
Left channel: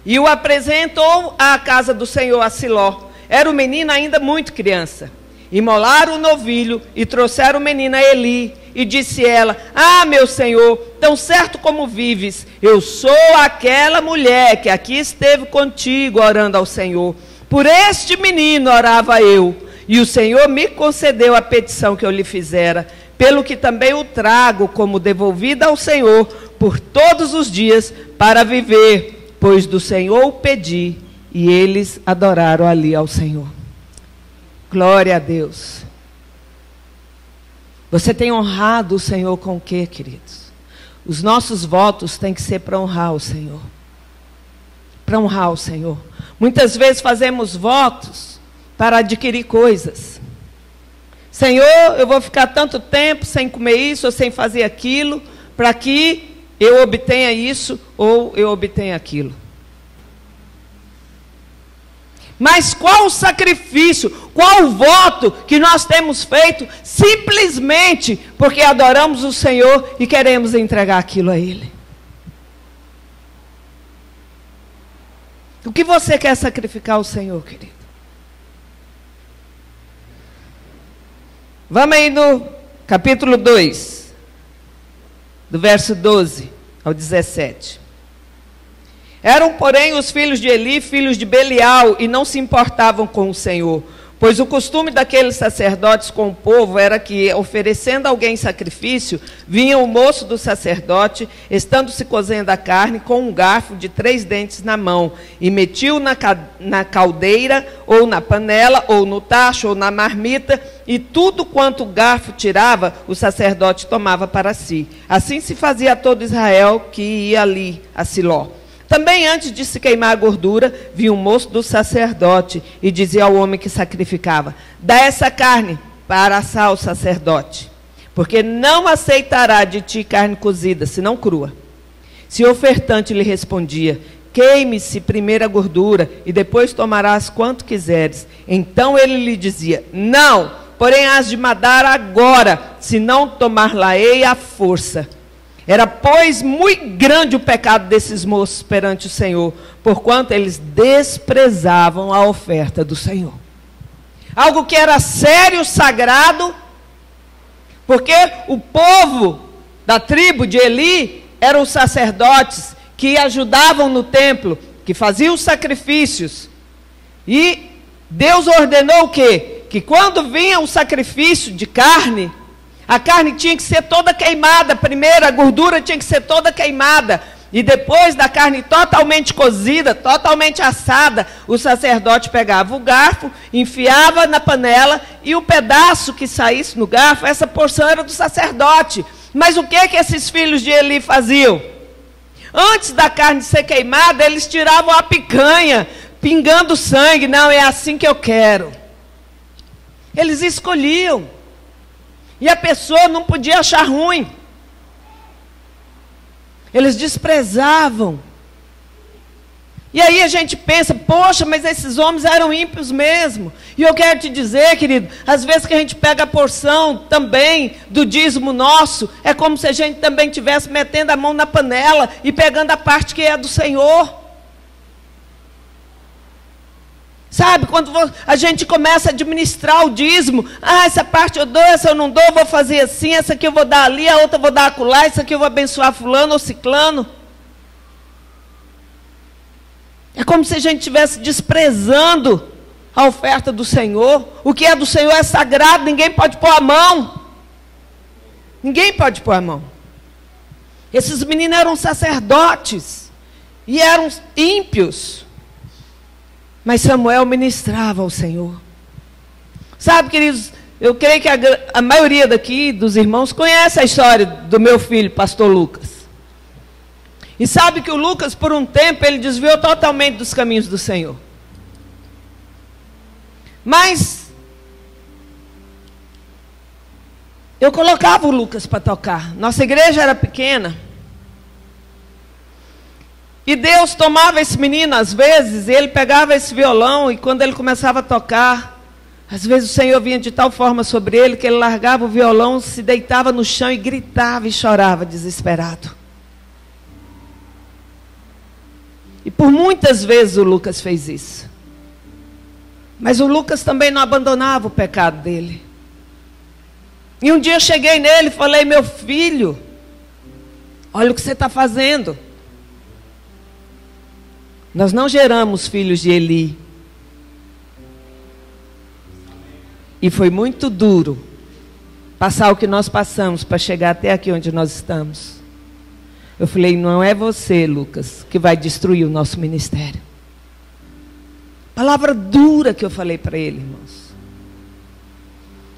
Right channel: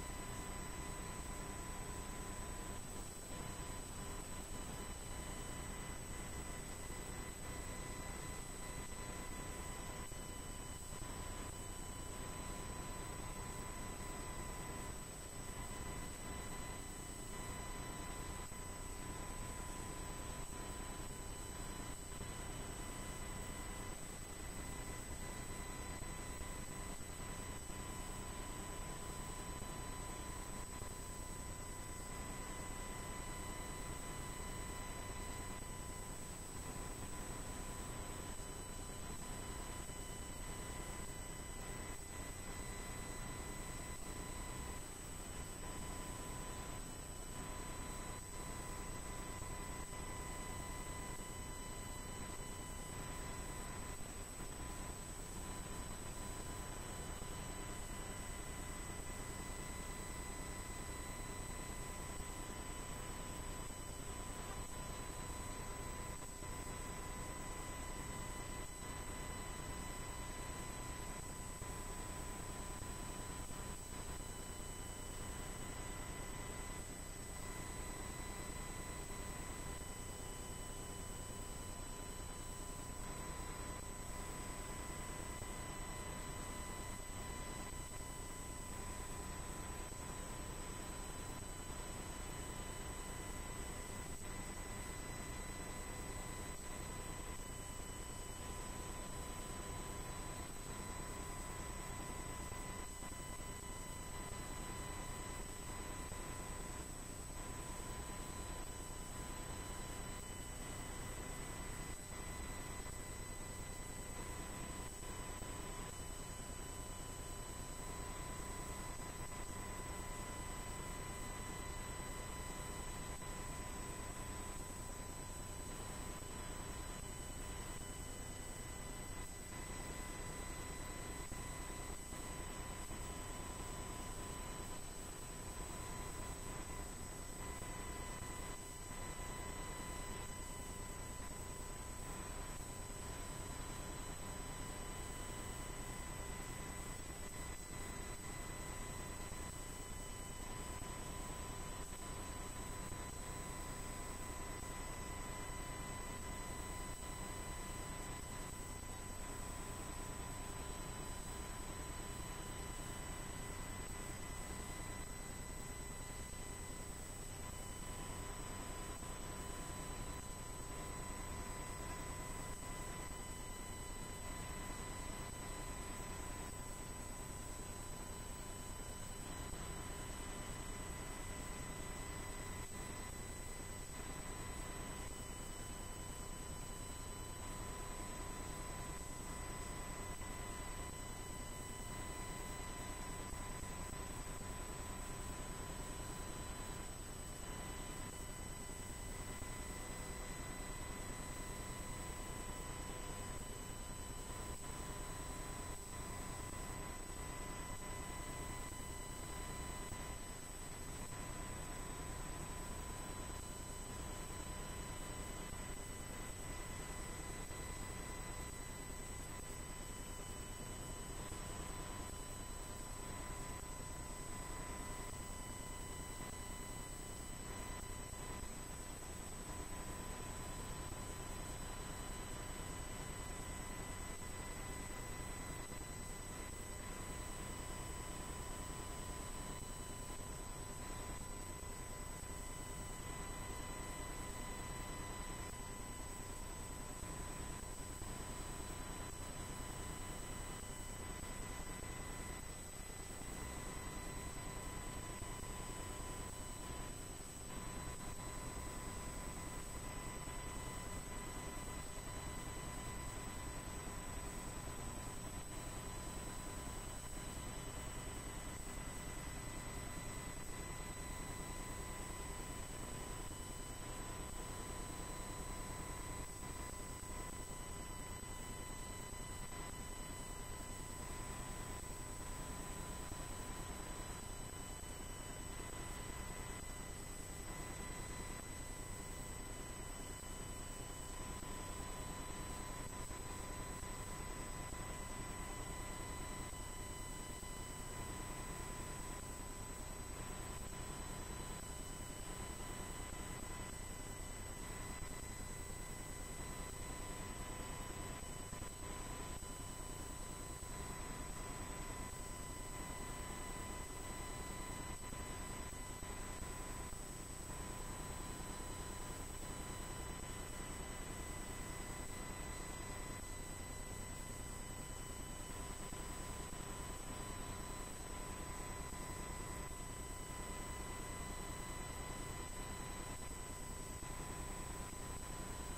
E o apresentou à casa do Senhor, a Siló. Era o menino ainda muito criança. Imolaram o novilho e trouxeram o menino a Eli. E disse ela: ah, meu senhor, tão certo como vives, eu sou aquela mulher que aqui esteve contigo orando ao Senhor. Por este menino orava eu, e o Senhor me concedeu a petição que eu lhe fizera, pelo que também o trago como devolvida ao Senhor por todos os dias para viver, pois do Senhor o pedi. E eles adoraram ali ao Senhor. Glória a Deus. Você tem honrado o Senhor com o quê, queridos? Os nossos votos têm que ser para honrar o Senhor. Para honrar o Senhor. Muitas vezes fazemos votos para adquirir coisas. Senhor, eu vou ficar tanto tempo sem comer isso ou sem fazer aquilo, para que eu obtenha isso ou eu obtenha aquilo. Mas qual o sacrifício, qual o voto que nós temos feito simplesmente porque adoramos o Senhor e queremos entregar aquilo a Ele? O que você quer sacrificar ao Senhor, querido? Vamos aí no capítulo 2, do verso 12 ao 17. Eram, porém, os filhos de Eli, filhos de Belial, e não se importavam com o Senhor. Pois o costume daqueles sacerdotes com o povo era que, oferecendo a alguém sacrifício, vinha o moço do sacerdote, estando-se cozendo a carne, com um garfo de 3 dentes na mão, e metia-o na caldeira, ou na panela, ou no tacho, ou na marmita, e tudo quanto o garfo tirava, o sacerdote tomava para si. Assim se fazia a todo Israel que ia ali a Siló. Também antes de se queimar a gordura, vinha um moço do sacerdote e dizia ao homem que sacrificava: dá essa carne para assar o sacerdote, porque não aceitará de ti carne cozida, senão crua. Se o ofertante lhe respondia: queime-se primeiro a gordura e depois tomarás quanto quiseres. Então ele lhe dizia: não, porém has de matar agora, se não tomar-la-ei à força. Era, pois, muito grande o pecado desses moços perante o Senhor, porquanto eles desprezavam a oferta do Senhor. Algo que era sério, sagrado, porque o povo da tribo de Eli eram os sacerdotes que ajudavam no templo, que faziam os sacrifícios. E Deus ordenou o quê? Que quando vinha o sacrifício de carne, a carne tinha que ser toda queimada. Primeiro a gordura tinha que ser toda queimada. E depois da carne totalmente cozida, totalmente assada, o sacerdote pegava o garfo, enfiava na panela, e o pedaço que saísse no garfo, essa porção era do sacerdote. Mas o que que esses filhos de Eli faziam? Antes da carne ser queimada, eles tiravam a picanha, pingando sangue. Não, é assim que eu quero. Eles escolhiam. E a pessoa não podia achar ruim. Eles desprezavam. E aí a gente pensa: poxa, mas esses homens eram ímpios mesmo. E eu quero te dizer, querido, às vezes que a gente pega a porção também do dízimo nosso, é como se a gente também estivesse metendo a mão na panela e pegando a parte que é do Senhor. Sabe, quando a gente começa a administrar o dízimo, essa parte eu dou, essa eu não dou, vou fazer assim, essa aqui eu vou dar ali, a outra eu vou dar acolá, essa aqui eu vou abençoar fulano ou ciclano. É como se a gente estivesse desprezando a oferta do Senhor. O que é do Senhor é sagrado, ninguém pode pôr a mão. Ninguém pode pôr a mão. Esses meninos eram sacerdotes e eram ímpios. Mas Samuel ministrava ao Senhor. Sabe, queridos, eu creio que a maioria daqui dos irmãos conhece a história do meu filho, pastor Lucas. E sabe que o Lucas, por um tempo, ele desviou totalmente dos caminhos do Senhor. Mas eu colocava o Lucas para tocar. Nossa igreja era pequena. E Deus tomava esse menino, às vezes, e ele pegava esse violão, e quando ele começava a tocar, às vezes o Senhor vinha de tal forma sobre ele, que ele largava o violão, se deitava no chão e gritava e chorava desesperado. E por muitas vezes o Lucas fez isso. Mas o Lucas também não abandonava o pecado dele. E um dia eu cheguei nele e falei: meu filho, olha o que você está fazendo. Nós não geramos filhos de Eli. E foi muito duro passar o que nós passamos para chegar até aqui onde nós estamos. Eu falei: não é você, Lucas, que vai destruir o nosso ministério. Palavra dura que eu falei para ele, irmãos.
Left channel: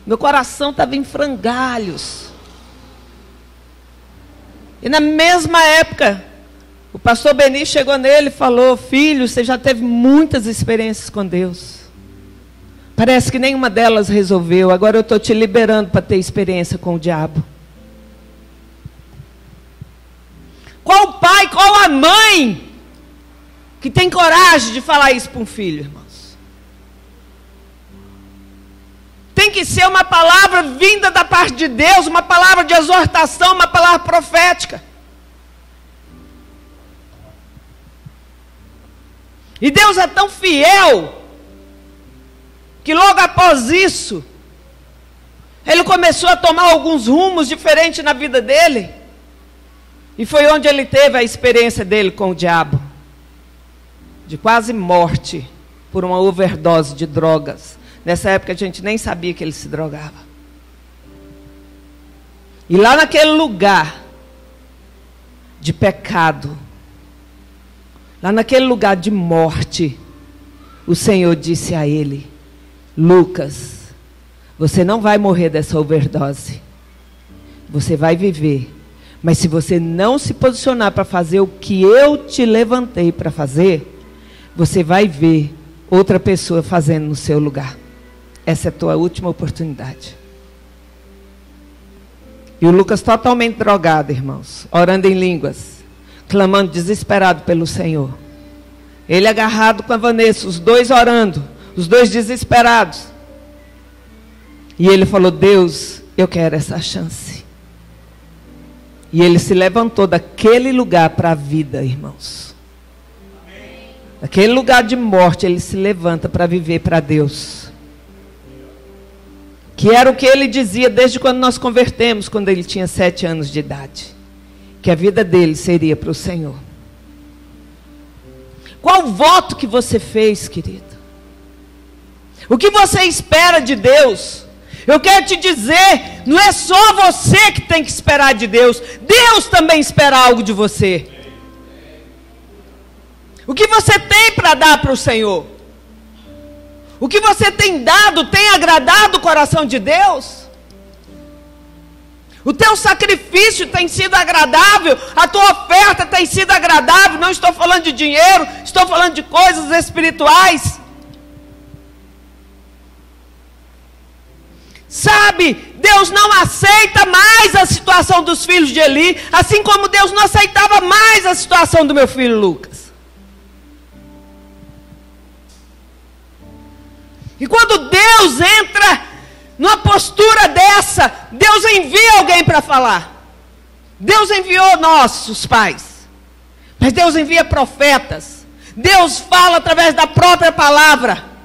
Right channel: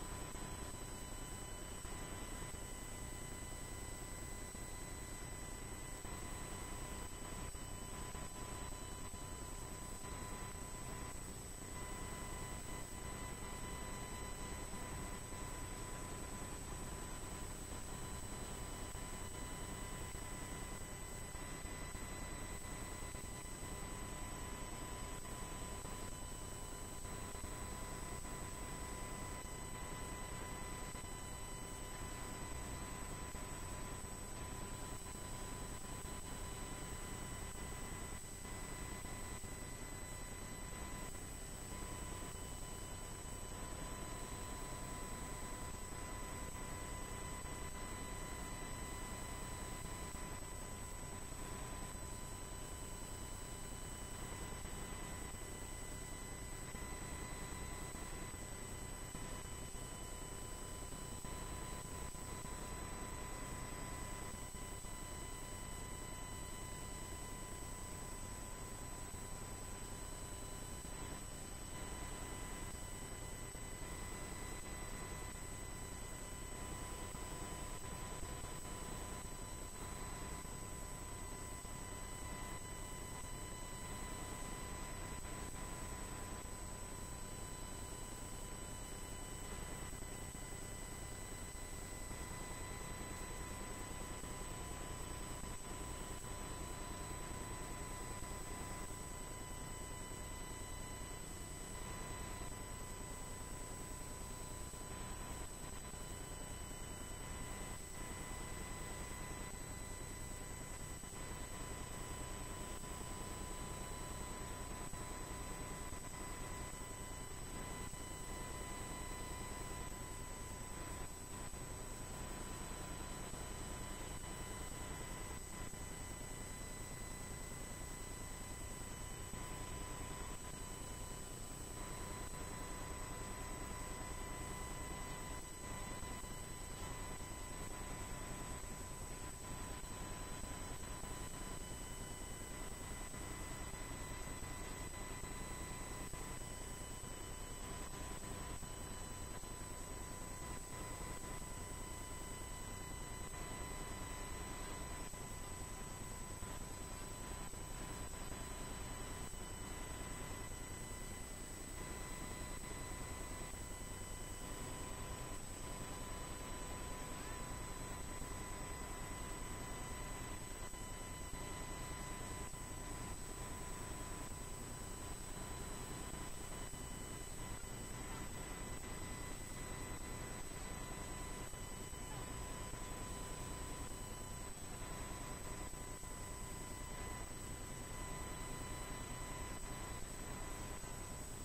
Meu coração estava em frangalhos. E na mesma época, o pastor Beni chegou nele e falou: filho, você já teve muitas experiências com Deus. Parece que nenhuma delas resolveu. Agora eu estou te liberando para ter experiência com o diabo. Qual pai, qual a mãe que tem coragem de falar isso para um filho, irmãos? Tem que ser uma palavra vinda da parte de Deus, uma palavra de exortação, uma palavra profética. E Deus é tão fiel, que logo após isso, ele começou a tomar alguns rumos diferentes na vida dele. E foi onde ele teve a experiência dele com o diabo. De quase morte, por uma overdose de drogas. Nessa época a gente nem sabia que ele se drogava. E lá naquele lugar de pecado, lá naquele lugar de morte, o Senhor disse a ele: Lucas, você não vai morrer dessa overdose. Você vai viver. Mas se você não se posicionar para fazer o que eu te levantei para fazer, você vai ver outra pessoa fazendo no seu lugar. Essa é a tua última oportunidade. E o Lucas totalmente drogado, irmãos, orando em línguas, clamando desesperado pelo Senhor. Ele agarrado com a Vanessa, os dois orando, os dois desesperados. E ele falou: Deus, eu quero essa chance. E ele se levantou daquele lugar para a vida, irmãos. Daquele lugar de morte, ele se levanta para viver para Deus. Que era o que ele dizia desde quando nós convertemos, quando ele tinha 7 anos de idade. Que a vida dele seria para o Senhor. Qual o voto que você fez, querido? O que você espera de Deus? Eu quero te dizer, não é só você que tem que esperar de Deus. Deus também espera algo de você. O que você tem para dar para o Senhor? O que você tem dado tem agradado o coração de Deus? O teu sacrifício tem sido agradável? A tua oferta tem sido agradável? Não estou falando de dinheiro, estou falando de coisas espirituais. Sabe, Deus não aceita mais a situação dos filhos de Eli, assim como Deus não aceitava mais a situação do meu filho Lucas. E quando Deus entra numa postura dessa, Deus envia alguém para falar. Deus enviou nossos pais, mas Deus envia profetas. Deus fala através da própria palavra.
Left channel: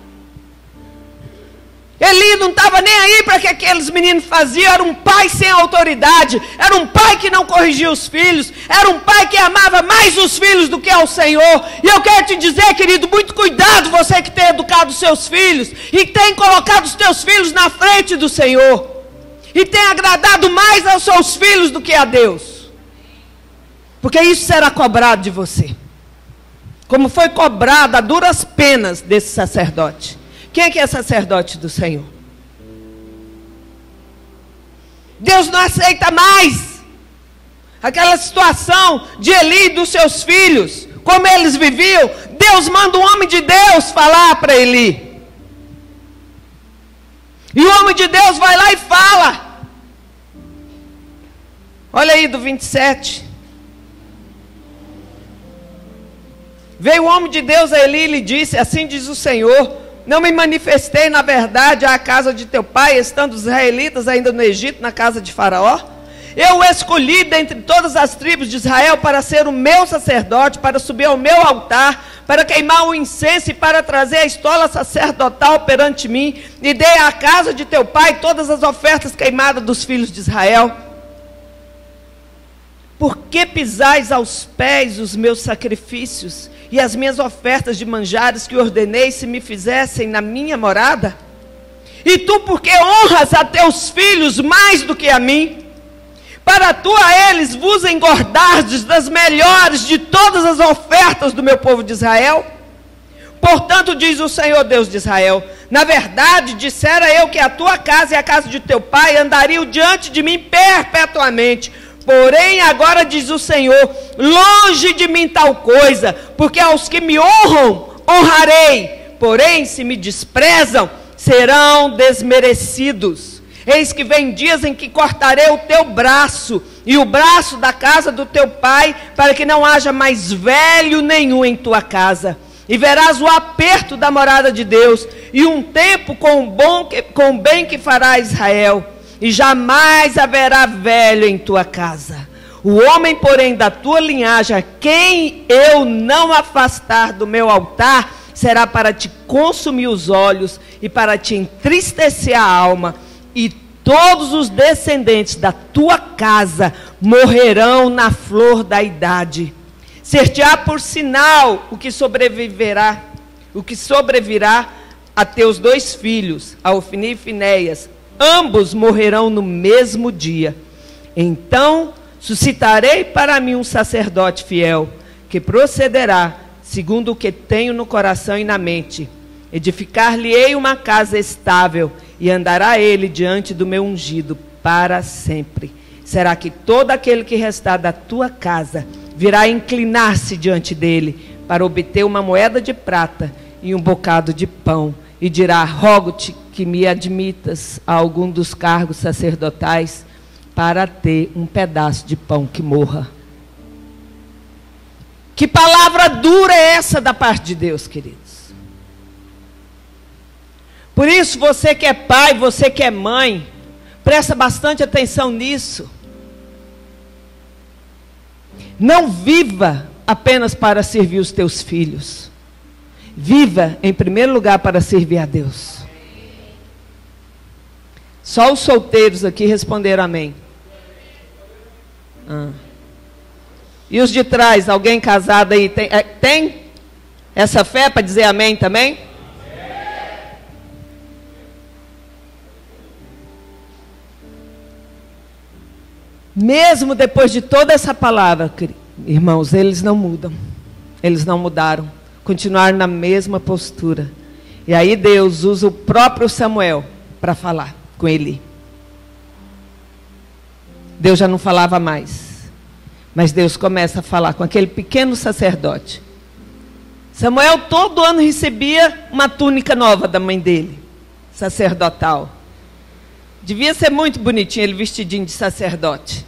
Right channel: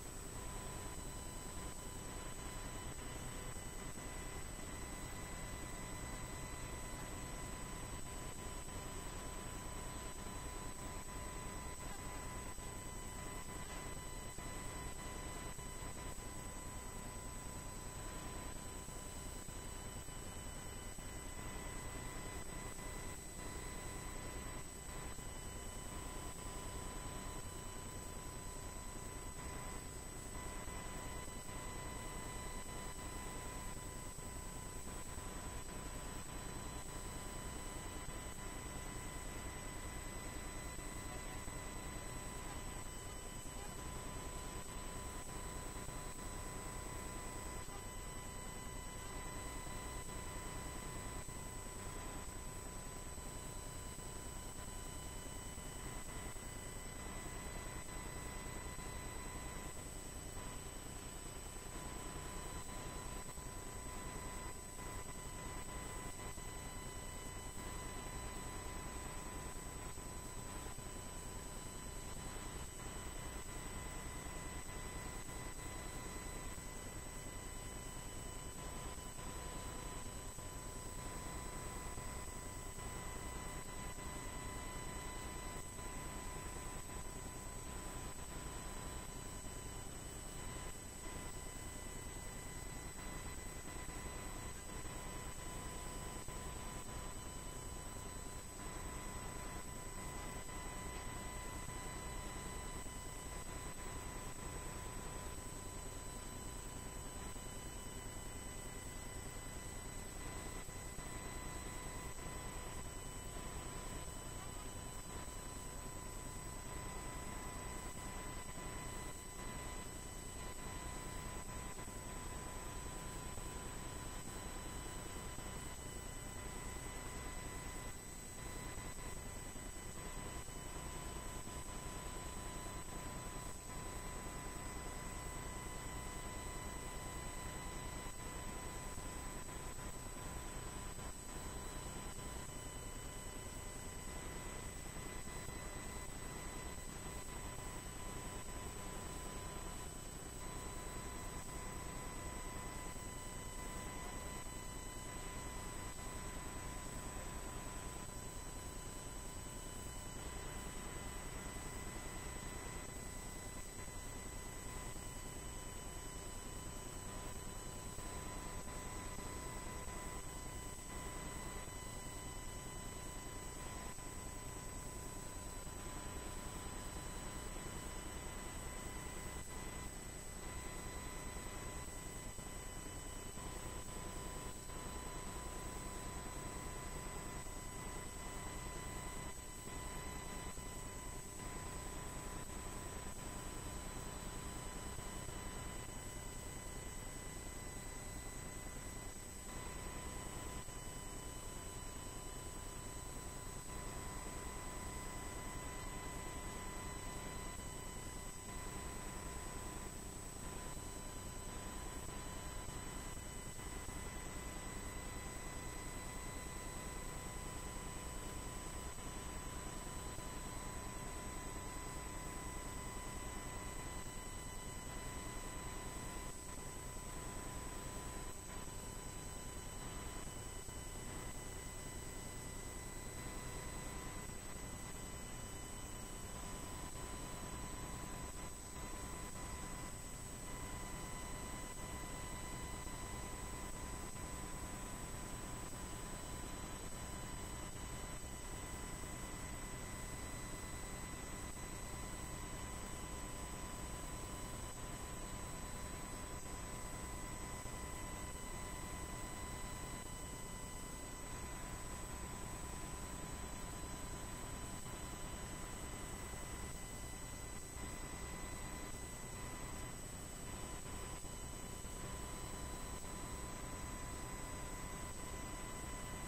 Eli não estava nem aí para que aqueles meninos faziam. Era um pai sem autoridade. Era um pai que não corrigia os filhos. Era um pai que amava mais os filhos do que ao Senhor. E eu quero te dizer, querido, muito cuidado você que tem educado os seus filhos e tem colocado os teus filhos na frente do Senhor. E tem agradado mais aos seus filhos do que a Deus. Porque isso será cobrado de você. Como foi cobrado a duras penas desse sacerdote. Quem é que é sacerdote do Senhor? Deus não aceita mais aquela situação de Eli e dos seus filhos, como eles viviam, Deus manda um homem de Deus falar para Eli. E o homem de Deus vai lá e fala. Olha aí do 27. Veio o homem de Deus a Eli e lhe disse: assim diz o Senhor, não me manifestei na verdade à casa de teu pai, estando os israelitas ainda no Egito, na casa de Faraó? Eu o escolhi dentre todas as tribos de Israel para ser o meu sacerdote, para subir ao meu altar, para queimar o incenso e para trazer a estola sacerdotal perante mim, e dei à casa de teu pai todas as ofertas queimadas dos filhos de Israel. Por que pisais aos pés os meus sacrifícios e as minhas ofertas de manjares que ordenei se me fizessem na minha morada? E tu por que honras a teus filhos mais do que a mim? Para tu a eles vos engordardes das melhores de todas as ofertas do meu povo de Israel? Portanto, diz o Senhor Deus de Israel, na verdade, dissera eu que a tua casa e a casa de teu pai andariam diante de mim perpetuamente. Porém, agora diz o Senhor, longe de mim tal coisa, porque aos que me honram, honrarei. Porém, se me desprezam, serão desmerecidos. Eis que vem dias em que cortarei o teu braço e o braço da casa do teu pai, para que não haja mais velho nenhum em tua casa. E verás o aperto da morada de Deus, e um tempo com o bem que fará Israel. E jamais haverá velho em tua casa. O homem, porém, da tua linhagem, a quem eu não afastar do meu altar, será para te consumir os olhos e para te entristecer a alma. E todos os descendentes da tua casa morrerão na flor da idade. Ser-te-á por sinal o que sobrevirá a teus 2 filhos, a Ofni e Finéias. Ambos morrerão no mesmo dia. Então suscitarei para mim um sacerdote fiel, que procederá segundo o que tenho no coração e na mente. Edificar-lhe-ei uma casa estável, e andará ele diante do meu ungido para sempre. Será que todo aquele que restar da tua casa virá inclinar-se diante dele, para obter uma moeda de prata e um bocado de pão, e dirá: rogo-te que me admitas a algum dos cargos sacerdotais, para ter um pedaço de pão que morra. Que palavra dura é essa da parte de Deus, queridos? Por isso, você que é pai, você que é mãe, presta bastante atenção nisso. Não viva apenas para servir os teus filhos. Viva, em primeiro lugar, para servir a Deus. Só os solteiros aqui responderam amém. E os de trás, alguém casado aí, tem essa fé para dizer amém também? Mesmo depois de toda essa palavra, irmãos, eles não mudam. Eles não mudaram. Continuaram na mesma postura. E aí Deus usa o próprio Samuel para falar com Eli. Deus já não falava mais. Mas Deus começa a falar com aquele pequeno sacerdote. Samuel todo ano recebia uma túnica nova da mãe dele, sacerdotal. Devia ser muito bonitinho ele vestidinho de sacerdote.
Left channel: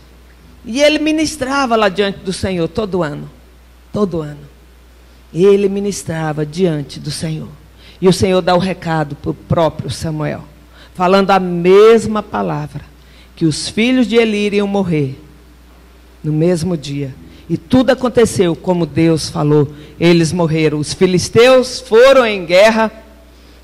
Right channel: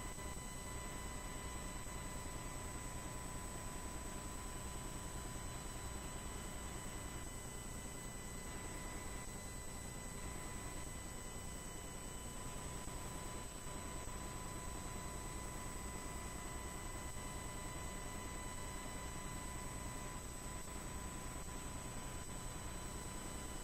E ele ministrava lá diante do Senhor todo ano. Todo ano. Ele ministrava diante do Senhor. E o Senhor dá o recado para o próprio Samuel, falando a mesma palavra, que os filhos de Eli iriam morrer no mesmo dia. E tudo aconteceu como Deus falou. Eles morreram. Os filisteus foram em guerra,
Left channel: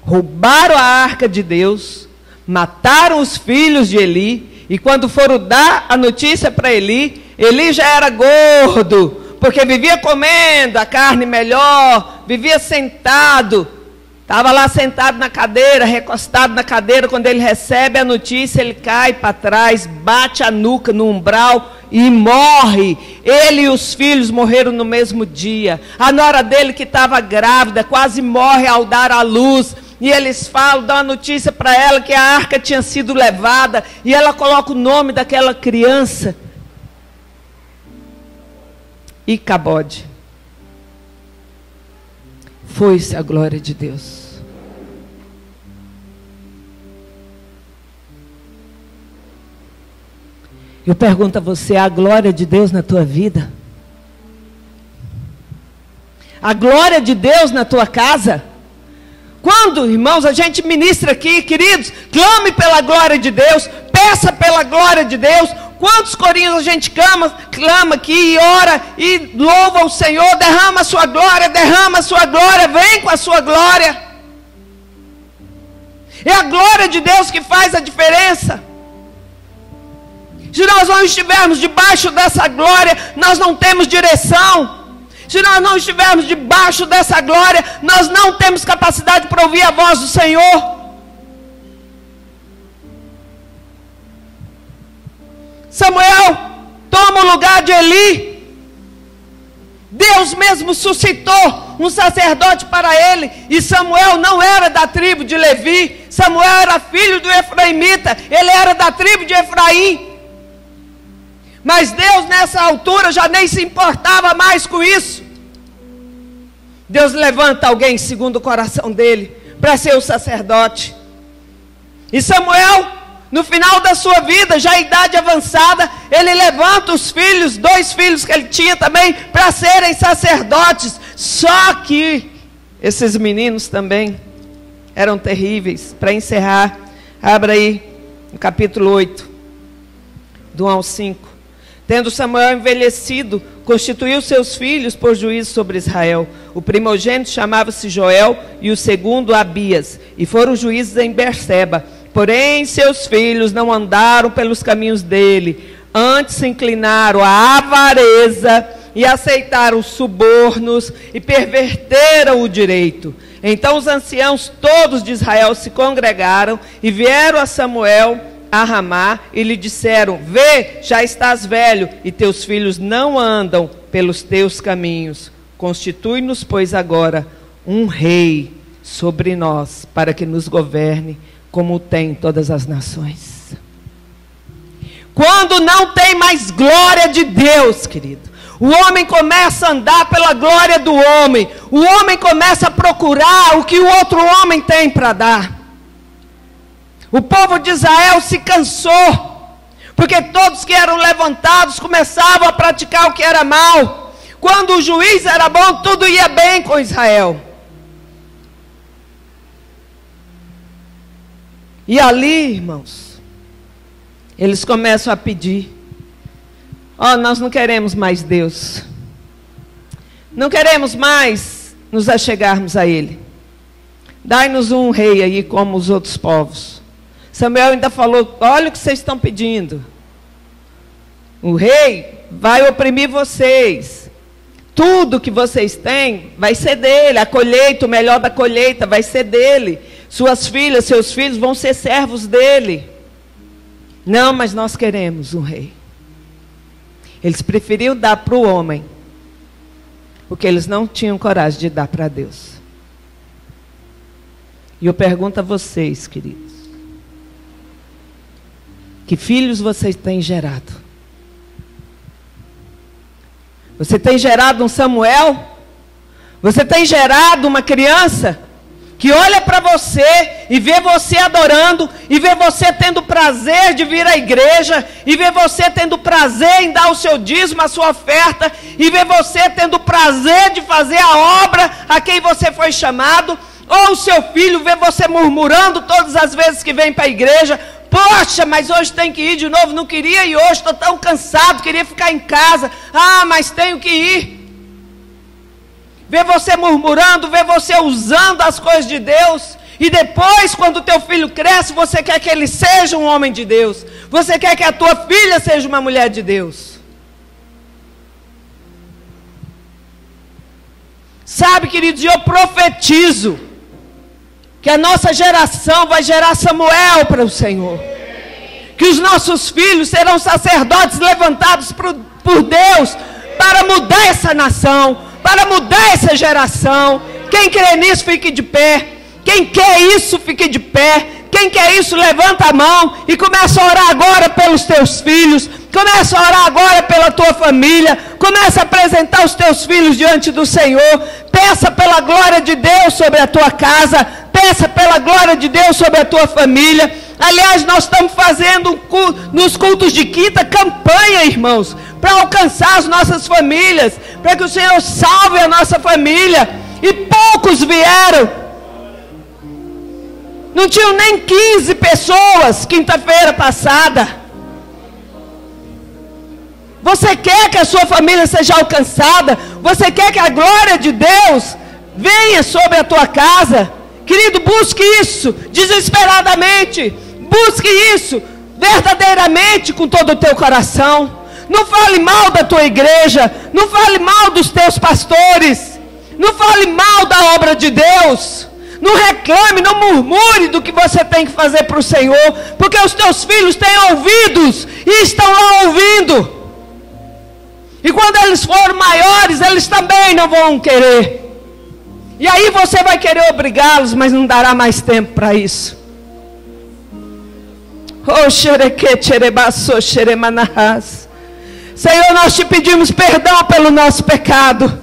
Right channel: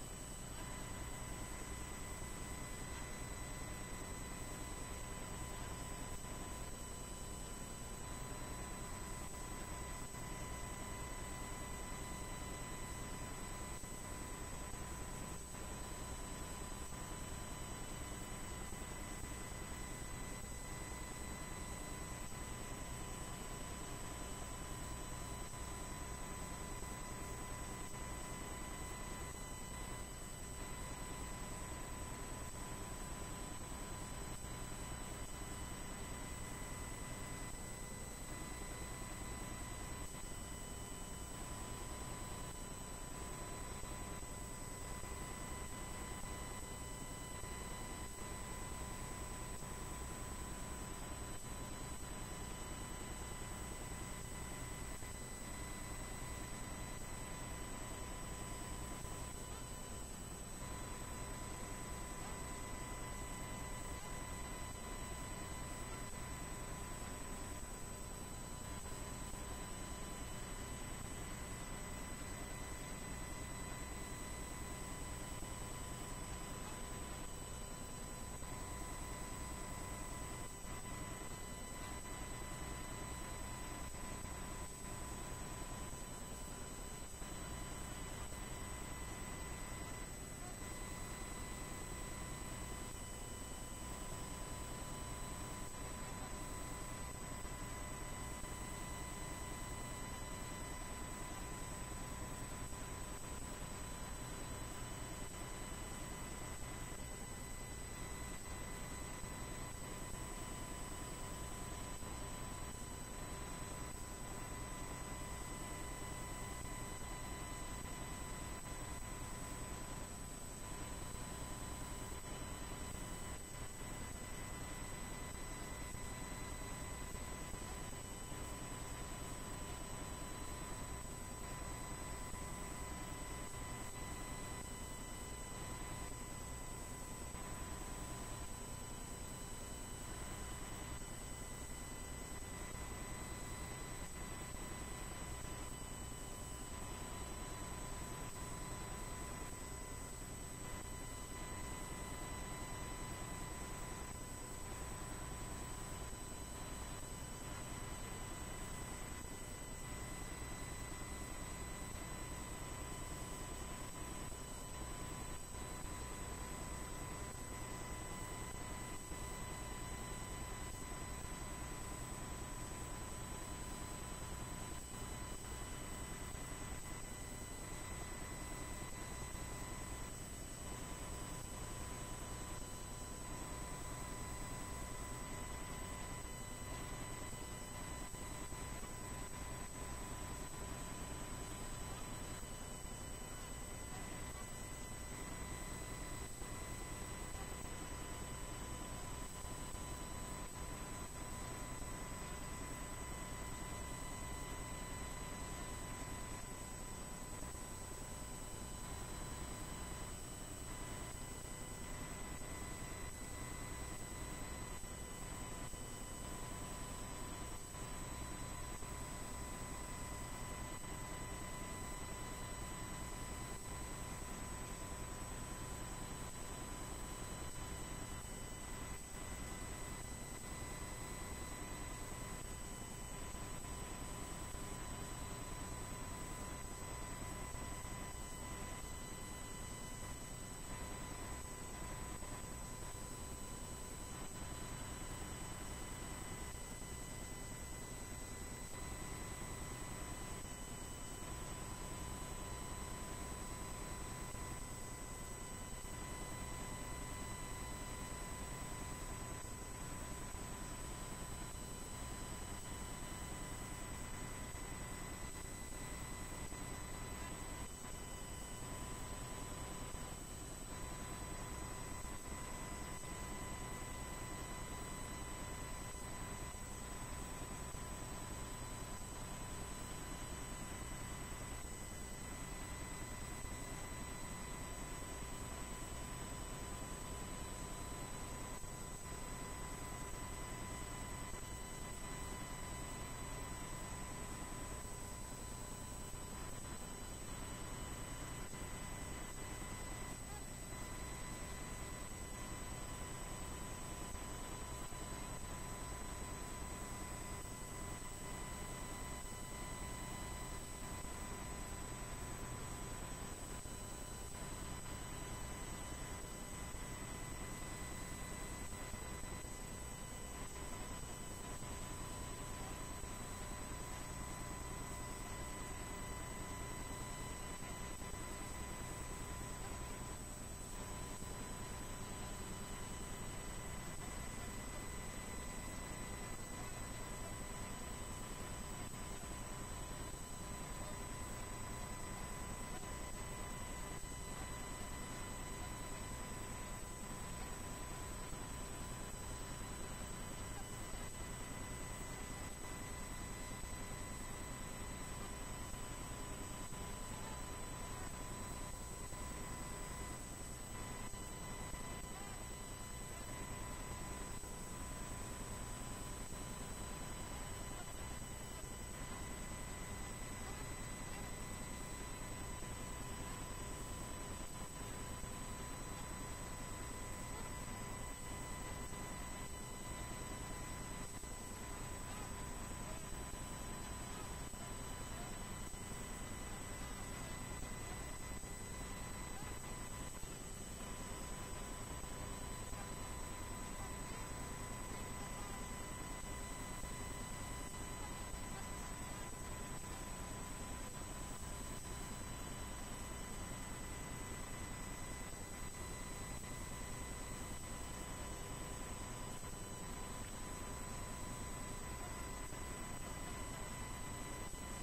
roubaram a arca de Deus, mataram os filhos de Eli. E quando foram dar a notícia para Eli, Eli já era gordo, porque vivia comendo a carne melhor, vivia sentado. Estava lá sentado na cadeira, recostado na cadeira. Quando ele recebe a notícia, ele cai para trás, bate a nuca no umbral e morre. Ele e os filhos morreram no mesmo dia. A nora dele, que estava grávida, quase morre ao dar à luz. E eles falam, dão a notícia para ela que a arca tinha sido levada. E ela coloca o nome daquela criança Icabode. Foi-se a glória de Deus. Eu pergunto a você, a glória de Deus na tua vida? A glória de Deus na tua casa? Quando, irmãos, a gente ministra aqui, queridos, clame pela glória de Deus, peça pela glória de Deus. Quantos corinhos a gente clama aqui e ora e louva o Senhor, derrama a sua glória, vem com a sua glória. É a glória de Deus que faz a diferença. Se nós não estivermos debaixo dessa glória, nós não temos direção. Se nós não estivermos debaixo dessa glória, nós não temos capacidade para ouvir a voz do Senhor. Samuel toma o lugar de Eli. Deus mesmo suscitou um sacerdote para ele. E Samuel não era da tribo de Levi. Samuel era filho do Efraimita. Ele era da tribo de Efraim. Mas Deus nessa altura já nem se importava mais com isso. Deus levanta alguém segundo o coração dele para ser o sacerdote. E Samuel, no final da sua vida, já em idade avançada, ele levanta os filhos, 2 filhos que ele tinha também, para serem sacerdotes. Só que esses meninos também eram terríveis. Para encerrar, abra aí no capítulo 8, do 1 ao 5. Tendo Samuel envelhecido, constituiu seus filhos por juízo sobre Israel. O primogênito chamava-se Joel e o segundo Abias. E foram juízes em Berseba. Porém, seus filhos não andaram pelos caminhos dele. Antes se inclinaram à avareza e aceitaram os subornos e perverteram o direito. Então os anciãos todos de Israel se congregaram e vieram a Samuel a Ramá e lhe disseram: vê, já estás velho e teus filhos não andam pelos teus caminhos. Constitui-nos, pois, agora um rei sobre nós, para que nos governe como tem todas as nações. Quando não tem mais glória de Deus, querido, o homem começa a andar pela glória do homem. O homem começa a procurar o que o outro homem tem para dar. O povo de Israel se cansou, porque todos que eram levantados começavam a praticar o que era mal. Quando o juiz era bom, tudo ia bem com Israel. E ali, irmãos, eles começam a pedir: ó, nós não queremos mais Deus. Não queremos mais nos achegarmos a Ele. Dai-nos um rei aí como os outros povos. Samuel ainda falou: olha o que vocês estão pedindo. O rei vai oprimir vocês. Tudo que vocês têm vai ser dele. A colheita, o melhor da colheita vai ser dele. Suas filhas, seus filhos vão ser servos dele. Não, mas nós queremos um rei. Eles preferiam dar para o homem o que eles não tinham coragem de dar para Deus. E eu pergunto a vocês, queridos: que filhos vocês têm gerado? Você tem gerado um Samuel? Você tem gerado uma criança que olha para você e vê você adorando, e vê você tendo prazer de vir à igreja, e vê você tendo prazer em dar o seu dízimo, a sua oferta, e vê você tendo prazer de fazer a obra a quem você foi chamado? Ou o seu filho vê você murmurando todas as vezes que vem para a igreja: poxa, mas hoje tem que ir de novo, não queria ir hoje, estou tão cansado, queria ficar em casa. Ah, mas tenho que ir. Vê você murmurando, vê você usando as coisas de Deus. E depois, quando o teu filho cresce, você quer que ele seja um homem de Deus. Você quer que a tua filha seja uma mulher de Deus. Sabe, queridos, eu profetizo que a nossa geração vai gerar Samuel para o Senhor. Que os nossos filhos serão sacerdotes levantados por Deus para mudar essa nação, para mudar essa geração. Quem crê nisso, fique de pé. Quem quer isso, fique de pé. Quem quer isso, levanta a mão e começa a orar agora pelos teus filhos. Começa a orar agora pela tua família. Começa a apresentar os teus filhos diante do Senhor. Peça pela glória de Deus sobre a tua casa. Peça pela glória de Deus sobre a tua família. Aliás, nós estamos fazendo nos cultos de quinta campanha, irmãos, para alcançar as nossas famílias, para que o Senhor salve a nossa família. E poucos vieram. Não tinham nem 15 pessoas quinta-feira passada. Você quer que a sua família seja alcançada? Você quer que a glória de Deus venha sobre a tua casa? Querido, busque isso desesperadamente. Busque isso verdadeiramente com todo o teu coração. Não fale mal da tua igreja. Não fale mal dos teus pastores. Não fale mal da obra de Deus. Não reclame, não murmure do que você tem que fazer para o Senhor. Porque os teus filhos têm ouvidos e estão lá ouvindo. E quando eles forem maiores, eles também não vão querer. E aí você vai querer obrigá-los, mas não dará mais tempo para isso. Senhor, nós te pedimos perdão pelo nosso pecado.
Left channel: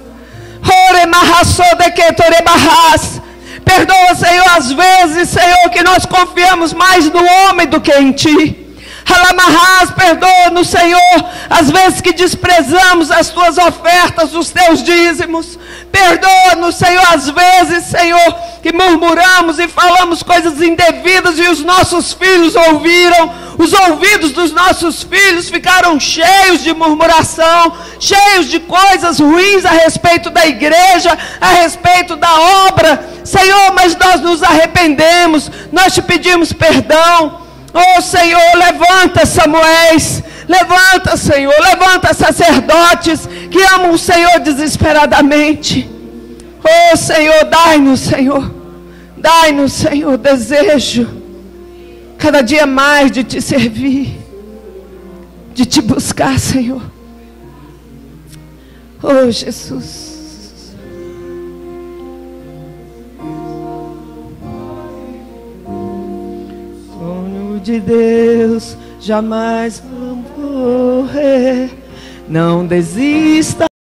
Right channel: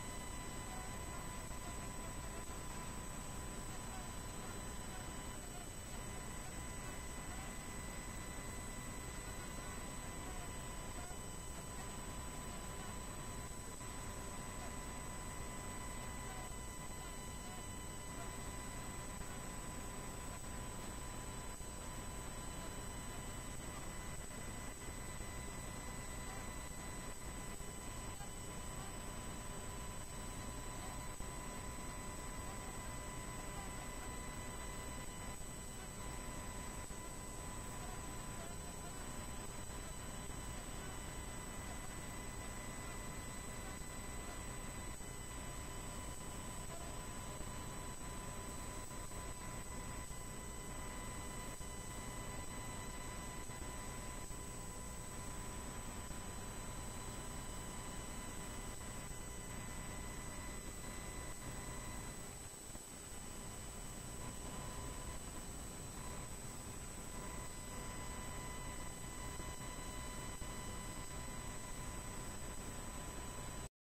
Perdoa, Senhor, às vezes, Senhor, que nós confiamos mais no homem do que em Ti. Perdoa-nos, Senhor, às vezes que desprezamos as tuas ofertas, os teus dízimos. Perdoa-nos, Senhor, às vezes, Senhor, que murmuramos e falamos coisas indevidas e os nossos filhos ouviram. Os ouvidos dos nossos filhos ficaram cheios de murmuração, cheios de coisas ruins a respeito da igreja, a respeito da obra. Senhor, mas nós nos arrependemos, nós te pedimos perdão. Oh Senhor, levanta Samuéis, levanta Senhor, levanta sacerdotes que amam o Senhor desesperadamente. Oh Senhor, dai-nos Senhor, desejo cada dia mais de te servir, de te buscar, Senhor. Oh Jesus. De Deus jamais vou morrer. Não desista.